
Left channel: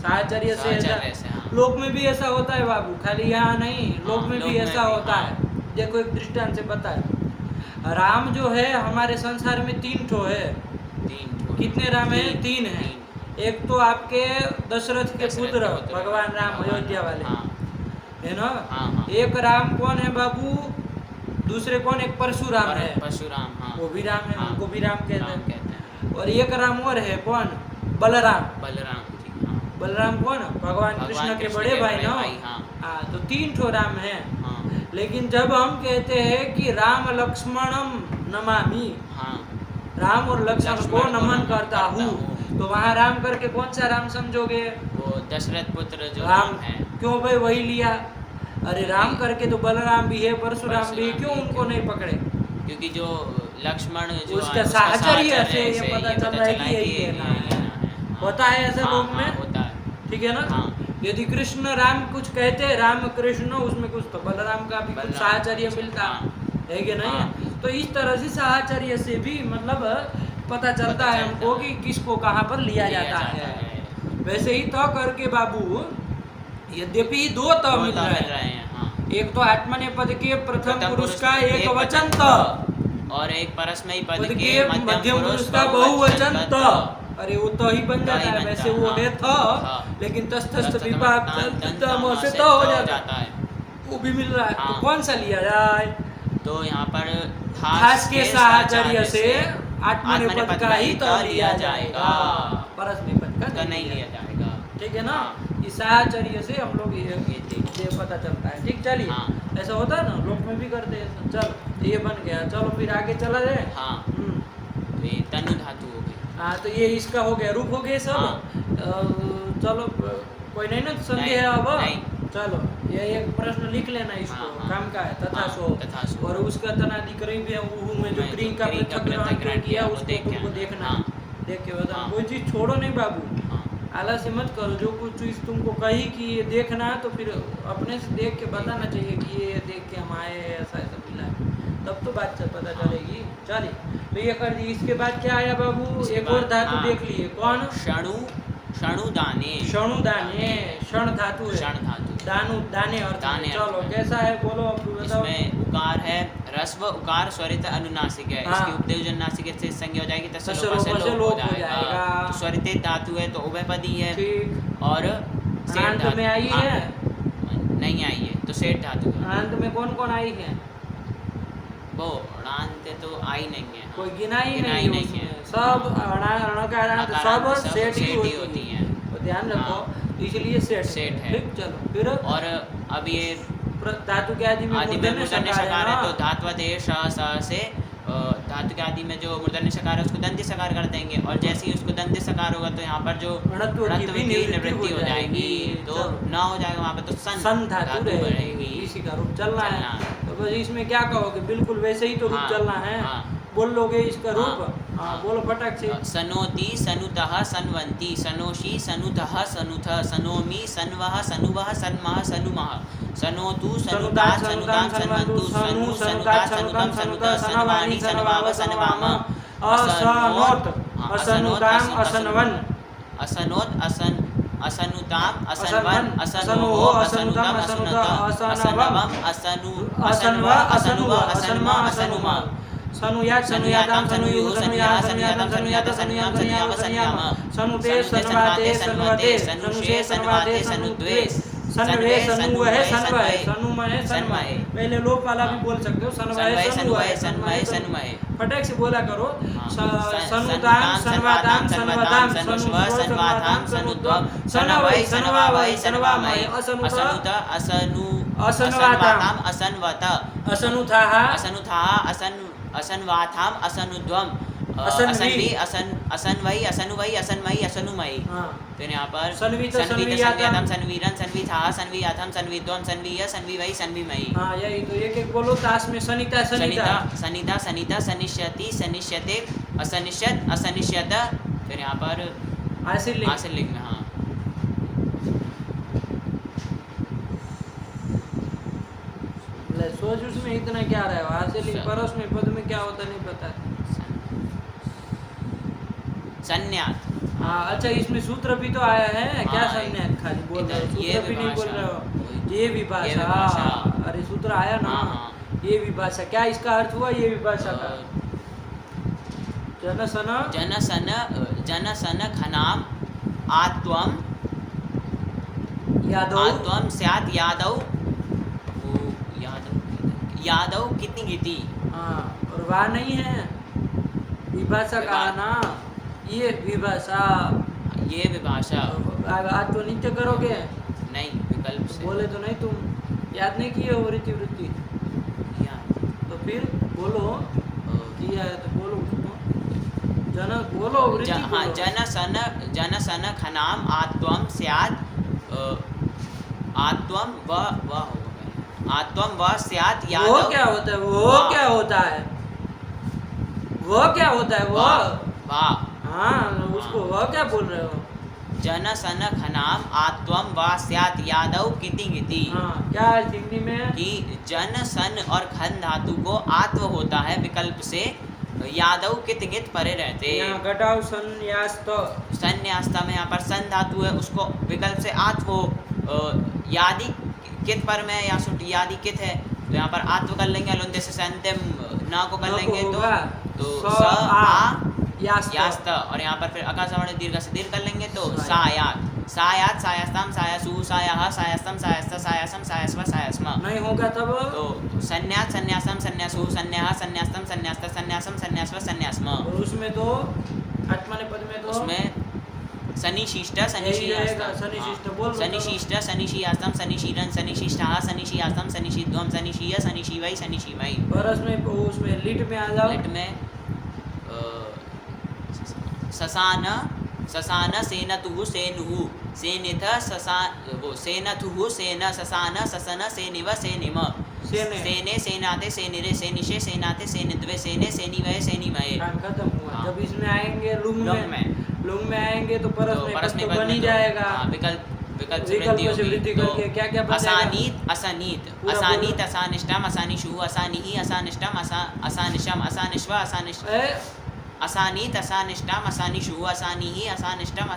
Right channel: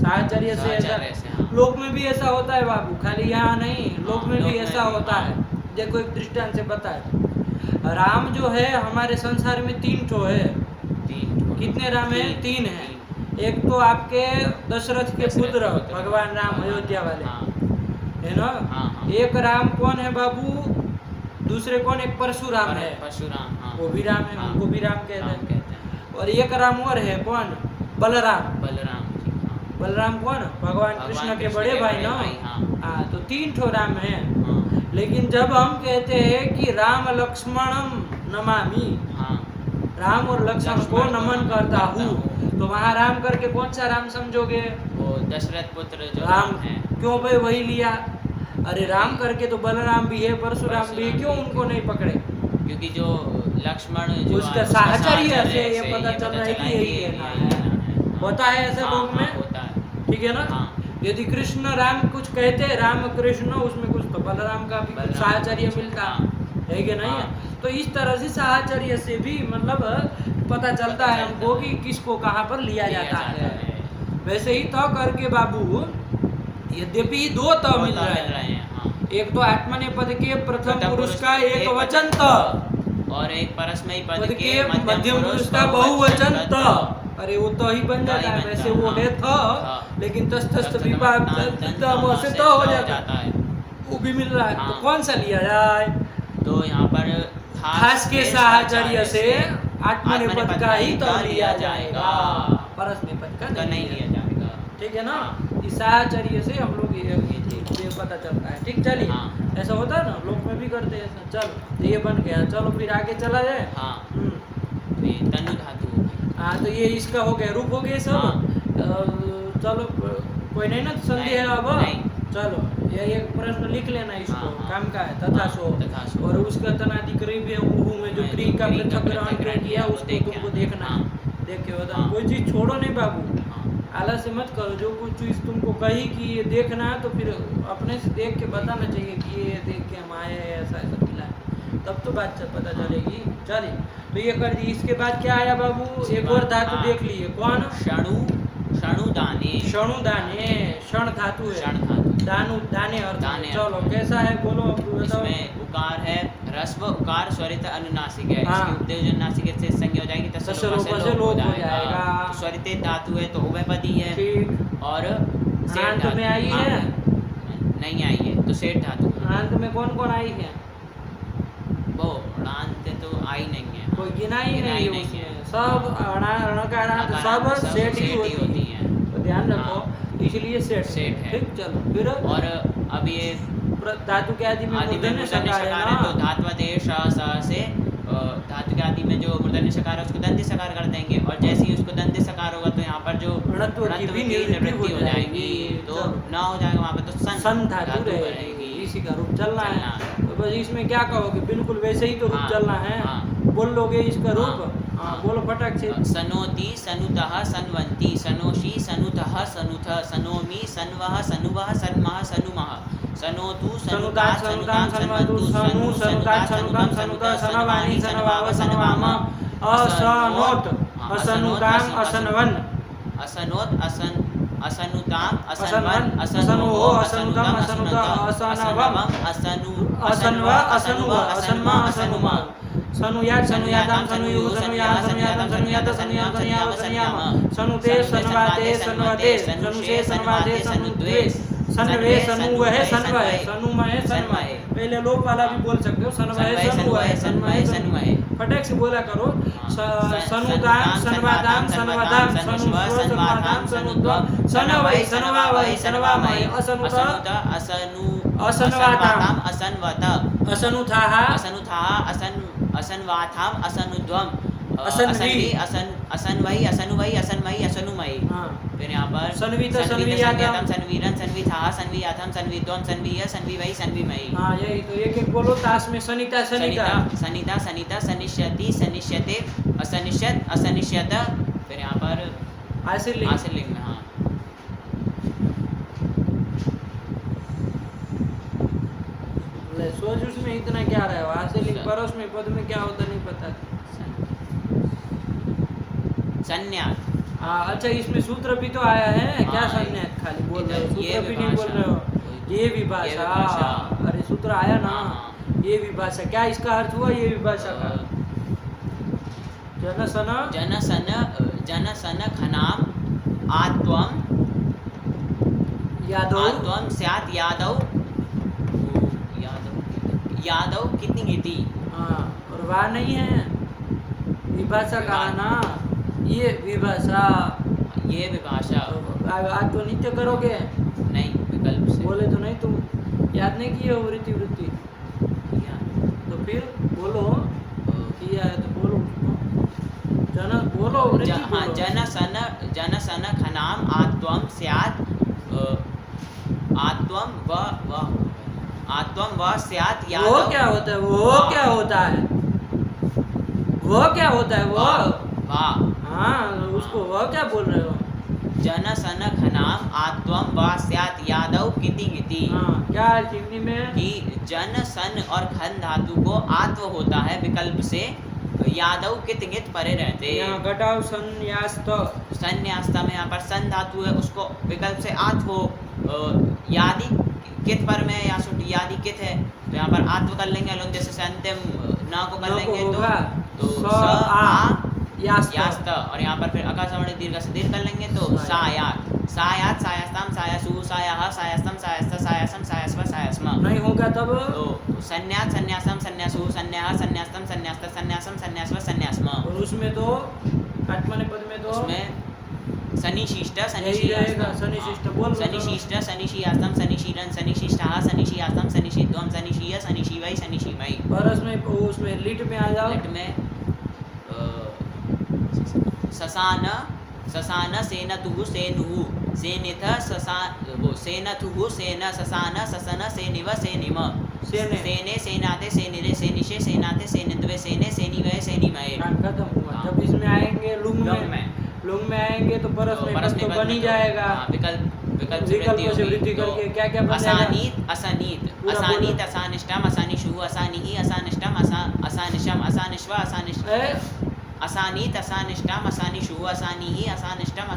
साहचर्य से ऐसा। साहचर्य से, हाँ। लोक में भी ऐसा होता है बाबू, खाली यहाँ नहीं, लोक में लोक भी में ऐसा भी, होता हाँ। है। देखो एक दृष्टांत से बताए, राम जो है हमारे संसार में 3 ठो है। तीन। कितने राम है? 3 है। एक तो आपके दशरथ के पुत्र भगवान राम अयोध्या वाले, हाँ, है ना? हाँ, हाँ। एक राम कौन है बाबू? दूसरे कौन? एक परशुराम है, परशुराम, हाँ। वो भी राम है, हाँ, उनको भी राम कहते राम हैं। कहते हैं। और एक राम और है, कौन? बलराम। बलराम जी, हाँ। बलराम कौन? भगवान कृष्ण के बड़े भाई ना। हाँ। हाँ, तो 3 ठो राम है। हाँ, लेकिन जब हम कहते हैं कि राम लक्ष्मणम नमामि, हाँ। राम और लक्ष्मण को नमन करता हूँ, तो वहाँ राम करके कौन सा राम समझोगे? वो दशरथ पुत्र जो राम है। क्यों भाई वही लिया? अरे राम करके तो बलराम भी है, परशुराम भी है, क्यों परशुराम भी उनको नहीं पकड़े? क्योंकि जो लक्ष्मण जो उसका साहचर्य से ये पता चल रहा है कि यही कहना है। होता है ऐसा लोग में, होता है। ठीक है ना? हाँ। यदि कृष्ण राम कुछ कहते, राम कृष्ण, उसमें कुछ तो बलराम का भी कुछ बलराम साहचर्य कुछ, मिलता हाँ। है कि नहीं है? हाँ। तो इस तरह से साहचर्य से भी मतलब पता चलता है हमको कि किसको कहाँ पर लिया जाता है। वैसे ही तो करके बाबू, यद्यपि 2 त मिल रहा है, हाँ। एक तो आत्मनेपद के प्रथम पुरुष का एक वचन त, और एक परस्मै पद पद के के मध्यम पुरुष का बहुवचन त। अरे वो तो ही बन जाता है, वैसे वो है था, लेकिन तस्थस्थ विभाग से तो हो जाता है, वो भी मिल रहा है। तो कौन सा लिया जाए? तो यहाँ पर थास के साहचर्य से आत्मनेपद का ही तो लिया जाएगा, परस्मैपद का नहीं लिया जाएगा। ठीक है ना? इस साहचर्य से हम लोग ये पता चलता है। ठीक, चलिए। हाँ। ऐसा होता है ना, लोग में भी करते हैं ऐसा। चलो ये बन गया, चलो फिर आगे चला जाए। हाँ। हम्म। ये तनु धातु होगी। हाँ, तो ये इसका हो गया, रूप हो गए सब। हाँ। चलो कोई नहीं ना संदेह है अब? नहीं। चलो ये एक प्रश्न लिख लेना इसको, हाँ, हाँ। काम का है, तथा सो। तथा सो। और उसका तनादि करी भी है, उहू में जो क्री का पृथक ग्रहण क्यों किया उसको तुमको देखना है। हाँ। देख के बताना, हाँ। कोई चीज छोड़ो नहीं बाबू, हाँ। आलस्य मत करो। जो कुछ चीज तुमको कही कि ये देखना है, तो फिर अपने से देख के बताना चाहिए कि ये देख के हम आए, ऐसा ऐसा मिला है, तब तो बात पता चलेगी। चलिए, तो ये कर दी। इसके बाद क्या आया बाबू? एक और धातु देख लिए, कौन? शणु, शणु दाने। शणु दाने, क्षण धातु है, क्षण धातु। दानु दाने अर्थ दाने है। चलो अर्थ है। कैसा है बोलो, अब बताओ। इसमें उकार है, ह्रस्व उकार स्वरित अनुनासिक है। हाँ। इसकी उपदेवजन नासिक से संज्ञा हो जाएगी, तस्य लोप से लोप हो जाएगा। तो स्वरित धातु है तो उभयपदी है। ठीक। और अनांत में आई है? नहीं आई है, तो सेठ धातु है। अनांत में कौन कौन आई है? वो अनांत तो आई नहीं है, कोई गिना ही नहीं है नहीं है। उसमें, सब अण का अनांत सब सेठ ही होती है, तो ध्यान रखो। इसलिए सेठ सेठ है। ठीक, चलो फिर। और अब ये धातु के आदि में मूर्धन्य सकार है ना, तो धात्वदेश से धातु के आदि में जो मूर्धन्य सकार है उसको दंती सकार कर देंगे। और जैसे ही उसको दंती सकार होगा तो यहाँ पर जो णत्व की भी निवृत्ति हो जाएगी, तो ना हो जाएगा वहाँ पर, तो सन धातु रहेगी। इसी का रूप चलना है। तो बस इसमें क्या कहोगे? बिल्कुल वैसे ही तो रूप चलना है। बोल लोगे इसका रूप? हाँ, बोलो फटाक से। सनोति, सनुतः, सन्वन्ति, सनोषि, सनुतः, सनुथ, सनोमि, सन्वः, सनुवः, सन्मः, सनुमः, सनोतु, सनुदात सनुदाम सन्वन्तु, सनु सनुदात सनुदाम सनुत, सनवानि सनवाव सनवाम, असनोत असनुदाम असनवन, असनोत असनुताम असनवन, असनोहो असनुतम असनुत असनवम, असनु असनव असनुव असन्म असनुमा। सनुयात सनुयाताम सनुयु सनुयाह सनुयातम सनुयात सनुयाम सनुयाव सनुयाम सनुते सनवाते सनवते सनुषे सनवाते सनुद्वे सनवे सनुवह सनवह सनुमय सनमय। पहले लोप वाला भी बोल सकते हो, सनवह सनुवह सनमय सनमय। फटक से बोला करो। सनुताम सनवाताम सनवताम सनुस्व सनवाताम सनुद्वम सनवै सनवावै सनवामय असनुत असनवाताम असनवत असनुथाः असनुथाः असनवाथाम असनुद्वम असन्वी असनवै असनुवै असनमयी असनुमयी। हाँ। फिर यहाँ पर सन्वित सन्वियातम सन्वीरन सन्विथाः सन्वियाथम सन्विद्वम सन्वीय सन्विवै सन्विमयी। हाँ यही तो एक एक बोलो ताश में सनिता सनिता सनिता सनिता सनिष्यति सनिष्यते असनिष्यत असनिष्यत। फिर यहाँ पर आशीर्लिंग में हाँ सोच उसमें इतना क्या रहा है, आशीर्लिंग परोस में पद में क्या होता नहीं पता। संन्यास। हाँ अच्छा, इसमें सूत्र भी तो आया है क्या? हाँ, संन्यास खाली बोल रहे हो, सूत्र भी नहीं बोल रहे हो। ये ये विभाषा, विभाषा। अरे सूत्र आया ना। हाँ। ये विभाषा क्या इसका अर्थ हुआ? ये विभाषा का जनसन जनसन खनाम आत्वम यादव स्यात् यादव कितनी गीति। हाँ, और वह नहीं है विभाषा कहा ना, ये विभाषा। ये विभाषा आज तो नित्य करोगे नहीं, विकल्प से बोले तो नहीं, तुम याद नहीं किए हो वृत्ति वृत्ति, तो फिर बोलो किया है तो बोलो उसको। जन बोलो वृत्ति बोलो। जनसन खनाम आत्वम स्यात् आत्वम व आत्वम व स्यात् यादव। वो क्या होता है? वो क्या होता है? वो क्या होता है? वो वाह हाँ, उसको वह क्या बोल रहे हो? जनसन खनाम आत्वम व स्यात् यादव किति गिति। हाँ, क्या है हिंदी में? कि जन सन और खन धातु को आत्व होता है विकल्प से, यादव कित गित परे रहते। यहाँ घटाओ संन्यास्त। संन्यास्त में यहाँ पर सन धातु है, उसको विकल्प से आत्व यादि कित पर में या यादि कित है तो यहाँ पर आत्व कर लेंगे। लोग जैसे संत्यम ना को कर लेंगे तो स आ यास्त, और यहाँ पर फिर अकार सवर्ण दीर्घ से दीर्घ कर लेंगे तो सायात सायात सायास्ताम सायासु सायाह सायास्तम सायास्त सायासम सायस्व सायस्म। नहीं होगा तब तो संन्यास संन्यासम संन्यासु संन्याह संन्यास्तम संन्यास्त संन्यासम संन्यास्व संन्यास्म। और उसमें तो आत्मनेपद में तो उसमें सनिशिष्ट सनिशिष्ट बोल सनिशिष्ट सनिशियास्तम सनिशीरन सनिशिष्टाः सनिशियास्तम सनिशीद्वम सनिशीय सनिशीवै सनिशीमयि। परस में उसमें लिट में आ जाओ। लिट में ससान ससान सेनतुः सेनुः सेनिथ ससान वो सेनथुः सेन ससान ससन सेनिव सेनिम सेने सेनाते सेनिरे सेनिशे सेनाते सेनिद्वे सेने सेनिवय सेनिमये। काम खत्म हुआ। जब इसमें आएंगे लुंग में आएंगे तो परस में पद तो बन ही जाएगा। विकल्प से वृद्धि करके क्या क्या बन जाएगा? असानीत असानिष्टम असानिषु असानिहि असानिष्टम असानिशम असानिश्व असानिश असानीत असानिष्टम असानिषु असानिहि असानिष्टम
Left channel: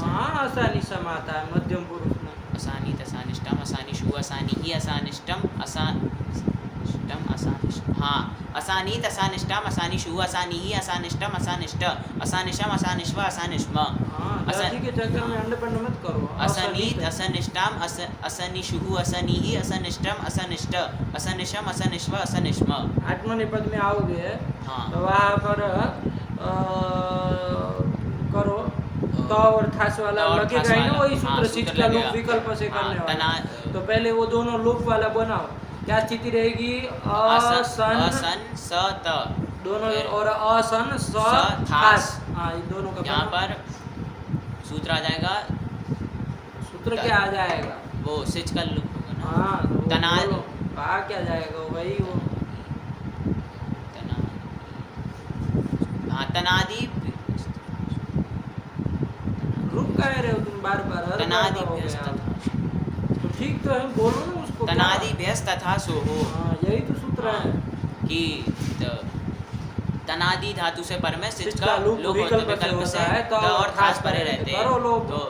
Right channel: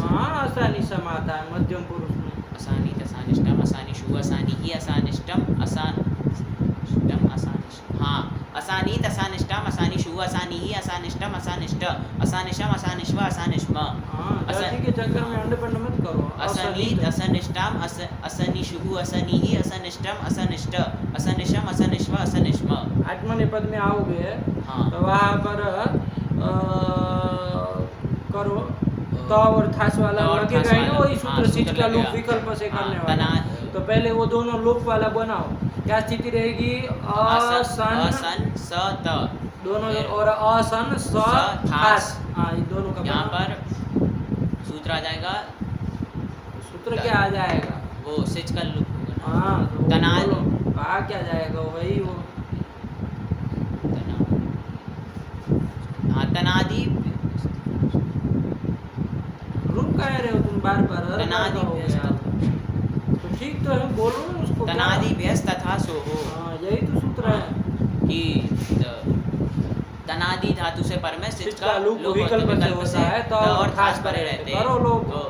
हाँ, असानिशम आता है मध्यम पुरुष में। असानीत असानिष्टम असानिषु असानिहि असानिष्टम असानिष्टम असानिश हाँ असानीत असानिष्टम असानिषु असानिहि असानिष्टम असानिष्ट असानिशम असानिश्व असानिश्म। हाँ, जाति के चक्कर में अंड पंड मत करो। असानीत असनिष्टम असनिषु असनिहि असनिष्टम असानिष्ट असनिशम असनिश्व असनिश्म। आत्मनेपद में आओगे हाँ। तो वहाँ पर करो तो और थास वाला लगेगा ही ना, वही सूत्र सिच का लूप विकल्प से करने वाला। तो पहले वो दोनों लूप वाला बनाओ। क्या स्थिति रहेगी? असन सत दोनों और असन स थास। हाँ, ये दोनों का यहाँ पर सूत्र आ जाएगा। सूत्र क्या आ जाएगा? वो सिच का लूप होगा। हाँ, तो तनाद कहा क्या जाएगा वही वो। हाँ, तनादि रुक कह रहे हो तुम बार बार? हर बार हो गया तो ठीक तो है, बोलो ना उसको। तनादि व्यस्त तथा सो हो। हाँ, यही तो सूत्र है कि तनादि धातु से पर में सिच का लूप विकल्प से होता है तो और खास परे रहते। करो लोग। तो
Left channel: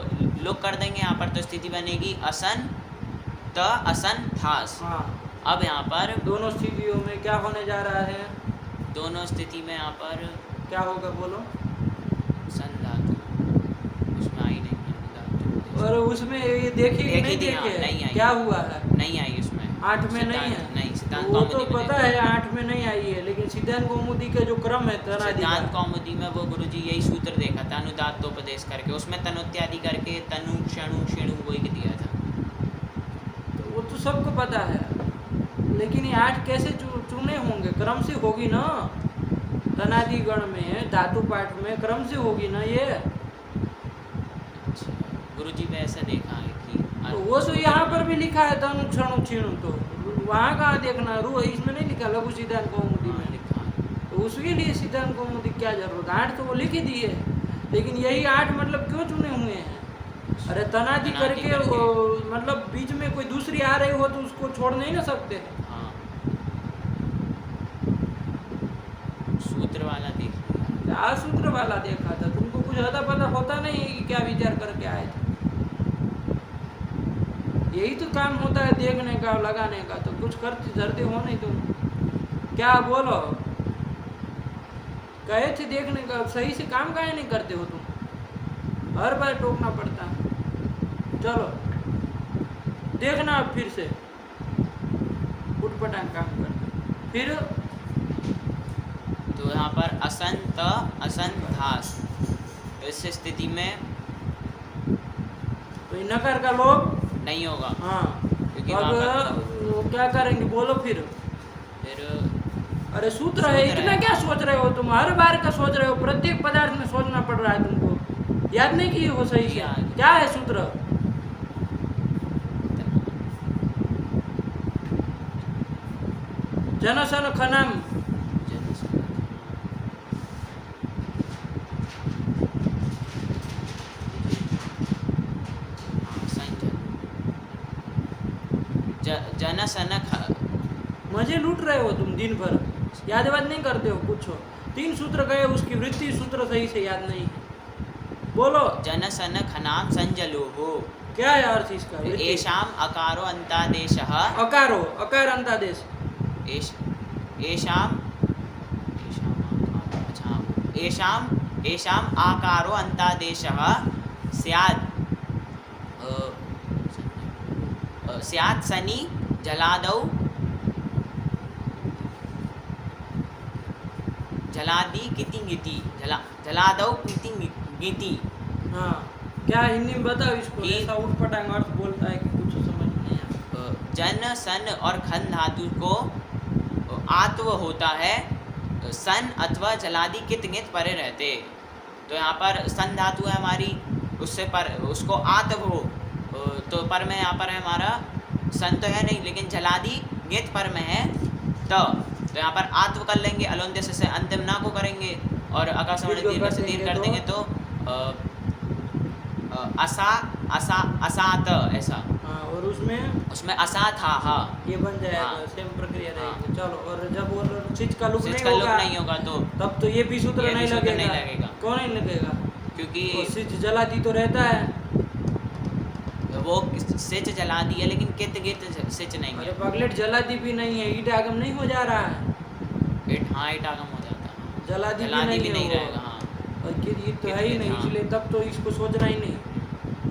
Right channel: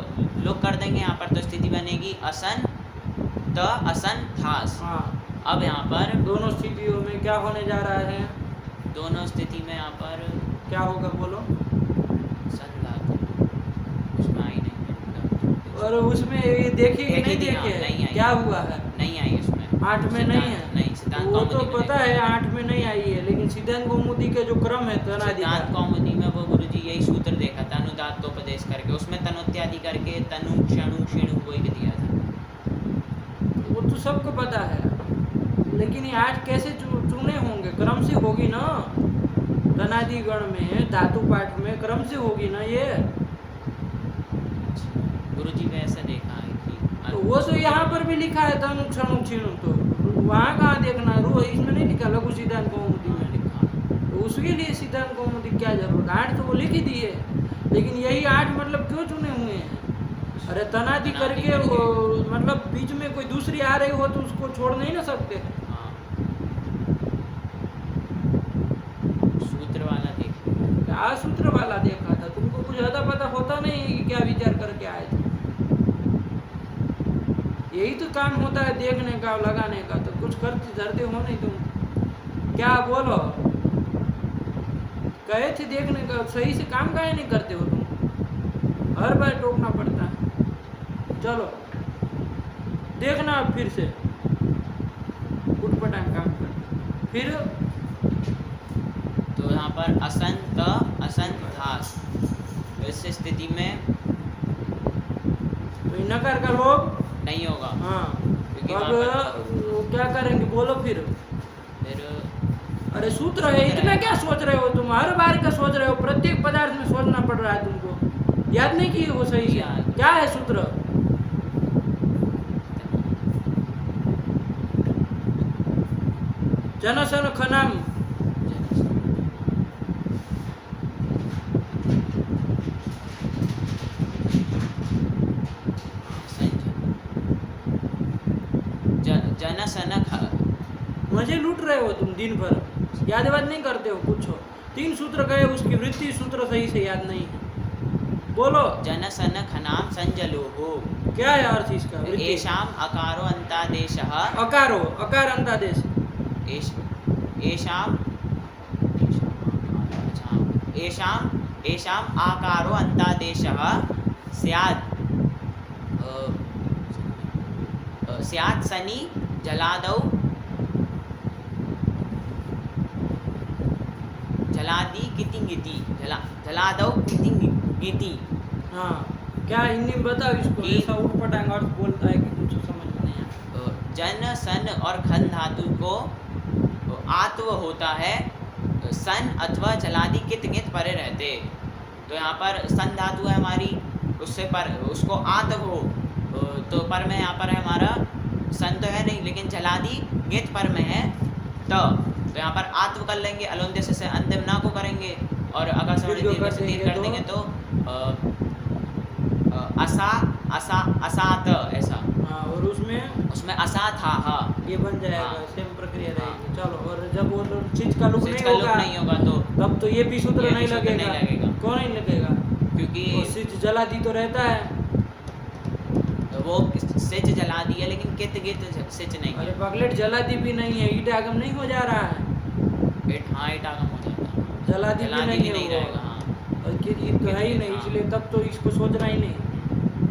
लोग कर देंगे यहाँ पर तो स्थिति बनेगी असन त असन थास। हाँ, अब यहाँ पर दोनों स्थितियों में क्या होने जा रहा है? दोनों स्थिति में यहाँ पर क्या होगा बोलो? सन धातु उसमें आई नहीं, और उसमें ये देखे कि नहीं देखी थी, हाँ, देखे? नहीं आई। क्या हुआ है? नहीं आई उसमें 8 में नहीं है। नहीं, सिद्धांत वो तो कौमुदी में पता है 8 में नहीं आई है, लेकिन सिद्धांत कौमुदी के जो क्रम है तनादि सिद्धांत का, कौमुदी में वो गुरुजी यही सूत्र देखा था, अनुदात्तोपदेश करके, उसमें तनुत्यादि करके तनु क्षणु शेणु वही दिया था। वो तो सबको पता है, लेकिन ये 8 कैसे चुने होंगे? क्रम से होगी ना, तनादि गण में धातु पाठ में क्रम से होगी ना ये। गुरुजी ने ऐसा देखा है कि तो वो तो यहाँ पर भी लिखा है तनु क्षणु क्षीणु, तो वहाँ कहाँ देखना? रू इसमें नहीं लिखा लघु सिद्धांत कौमुदी में, तो उसके लिए सिद्धांत कौमुदी क्या जरूरत? 8 तो वो लिख ही दिए, लेकिन यही 8 मतलब क्यों चुने हुए हैं? अरे तनादि करके वो मतलब बीच में कोई दूसरी आ रही हो तो उसको छोड़ नहीं ना सकते। हाँ, सूत्र वाला देख लिया। क्या सूत्र वाला देखा था? तुमको कुछ अता पता होता नहीं है कि क्या विचार करके आए थे? यही तो काम होता है देखने का, लगाने का, तो कुछ करते धरते हो नहीं तुम। क्या बोलो? कहे थे देखने का, सही से काम काहे नहीं करते हो तुम? हर बार टोकना पड़ता है। चलो देखना अब फिर से उठपटांग काम करना। फिर तो यहाँ पर असंत असंत धास, इस स्थिति में तो ये नकार का लोग नहीं होगा। हाँ, क्योंकि तो अब वहाँ पर वो क्या करेंगे बोलो फिर? अरे सूत्र है, इतना क्या सोच रहे हो तुम? हर बार का सोच रहे हो, प्रत्येक पदार्थ में सोचना पड़ रहा है तुमको। याद नहीं किए वो सही से? याद। क्या है सूत्र? जनसन खनाम जन सन मजे लूट रहे हो तुम दिन भर, याद वाद नहीं करते हो कुछ हो। 3 सूत्र गए, उसकी वृत्ति सूत्र सही से याद नहीं है। बोलो जन सन खनाम संजलो हो। क्या है अर्थ इसका? वृत्ति येषाम अकारो अंतादेशः अकारो, अकार अंतादेश। येषाम येषाम आकारो अंतादेशः स्यात् स्यात् सनि जलादौ जलादि कितिंगिति जलादौ कितिंगिति। हाँ, क्या हिंदी में बताओ इसको? कि- ऐसा उठपटांग अर्थ बोलता है कि कुछ समझ में नहीं आता। जन सन और खन धातु को आत्व होता है, सन अथवा जलादि कित गित परे रहते। तो यहाँ पर सन धातु है हमारी, उससे पर उसको आत्व हो, तो पर में यहाँ पर है हमारा सन तो है नहीं, लेकिन जलादि गित पर में है। तो यहाँ पर आत्व कर लेंगे, अलोन्देश से अंतिम ना को करेंगे, और अगर दीर्घ कर देंगे कर देंगे तो असा असा असात ऐसा। हाँ, और उसमें असा था हा ये बन जाएगा। हाँ। सेम प्रक्रिया हाँ। रहेगी। चलो, और जब वो चीज का लुक नहीं इसका लुक होगा नहीं होगा तो तब तो ये भी सूत्र ये भी नहीं सूत्र लगेगा। नहीं लगेगा। क्यों नहीं लगेगा? क्योंकि वो सिच जलादी तो रहता है। वो सिच जला दिया, लेकिन कित गित सिच नहीं अरे है। पगलेट जलादी भी नहीं है, ईट आगम नहीं हो जा रहा है। हाँ ईट आगम हो जाता है, जलादी भी नहीं है वो। रहेगा। हाँ और ये तो है ही नहीं, हाँ। इसलिए तब तो इसको सोचना ही नहीं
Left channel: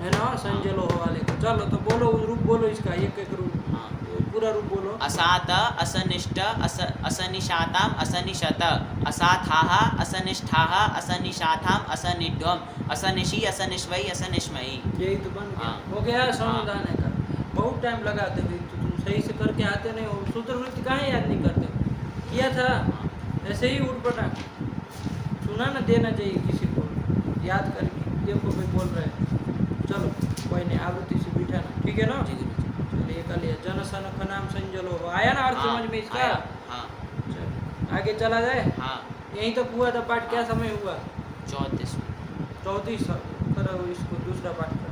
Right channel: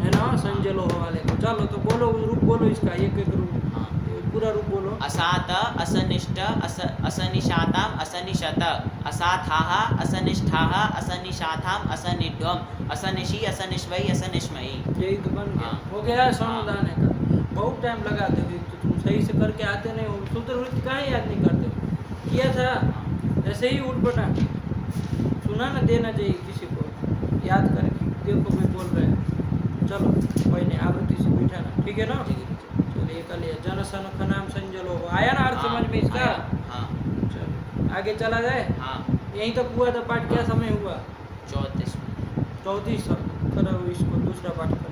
है ना, संजलो हो वाले को। चलो तो बोलो रूप, बोलो इसका एक एक रूप, हाँ। पूरा रूप बोलो। असात असनिष्ट असनिशाताम असनिशत असाथाः असनिष्ठाः असनिशाताम असनिध्वम असनिशि असनिश्वै असनिश्मयी। यही तो बन गया। हाँ। हो गया समुदाय का। बहुत टाइम लगाते हो, तो तुम सही से करके आते नहीं हो। सूत्र वृत्ति काहे याद नहीं करते हो? किया था ऐसे ही उठपटांग सुना ना देना चाहिए किसी को, याद करके देखो भाई बोल रहे हैं। चलो कोई नहीं, आवृत्ति से बैठा ना, ठीक है ना? चलिए कर लिया। जनसन खनाम संजलो, आया ना अर्थ समझ में इसका? हाँ चलो आगे चला जाए। हाँ यहीं तक हुआ था पाठ, क्या समय हुआ? 34 34। करो इसको दूसरा पाठ करो।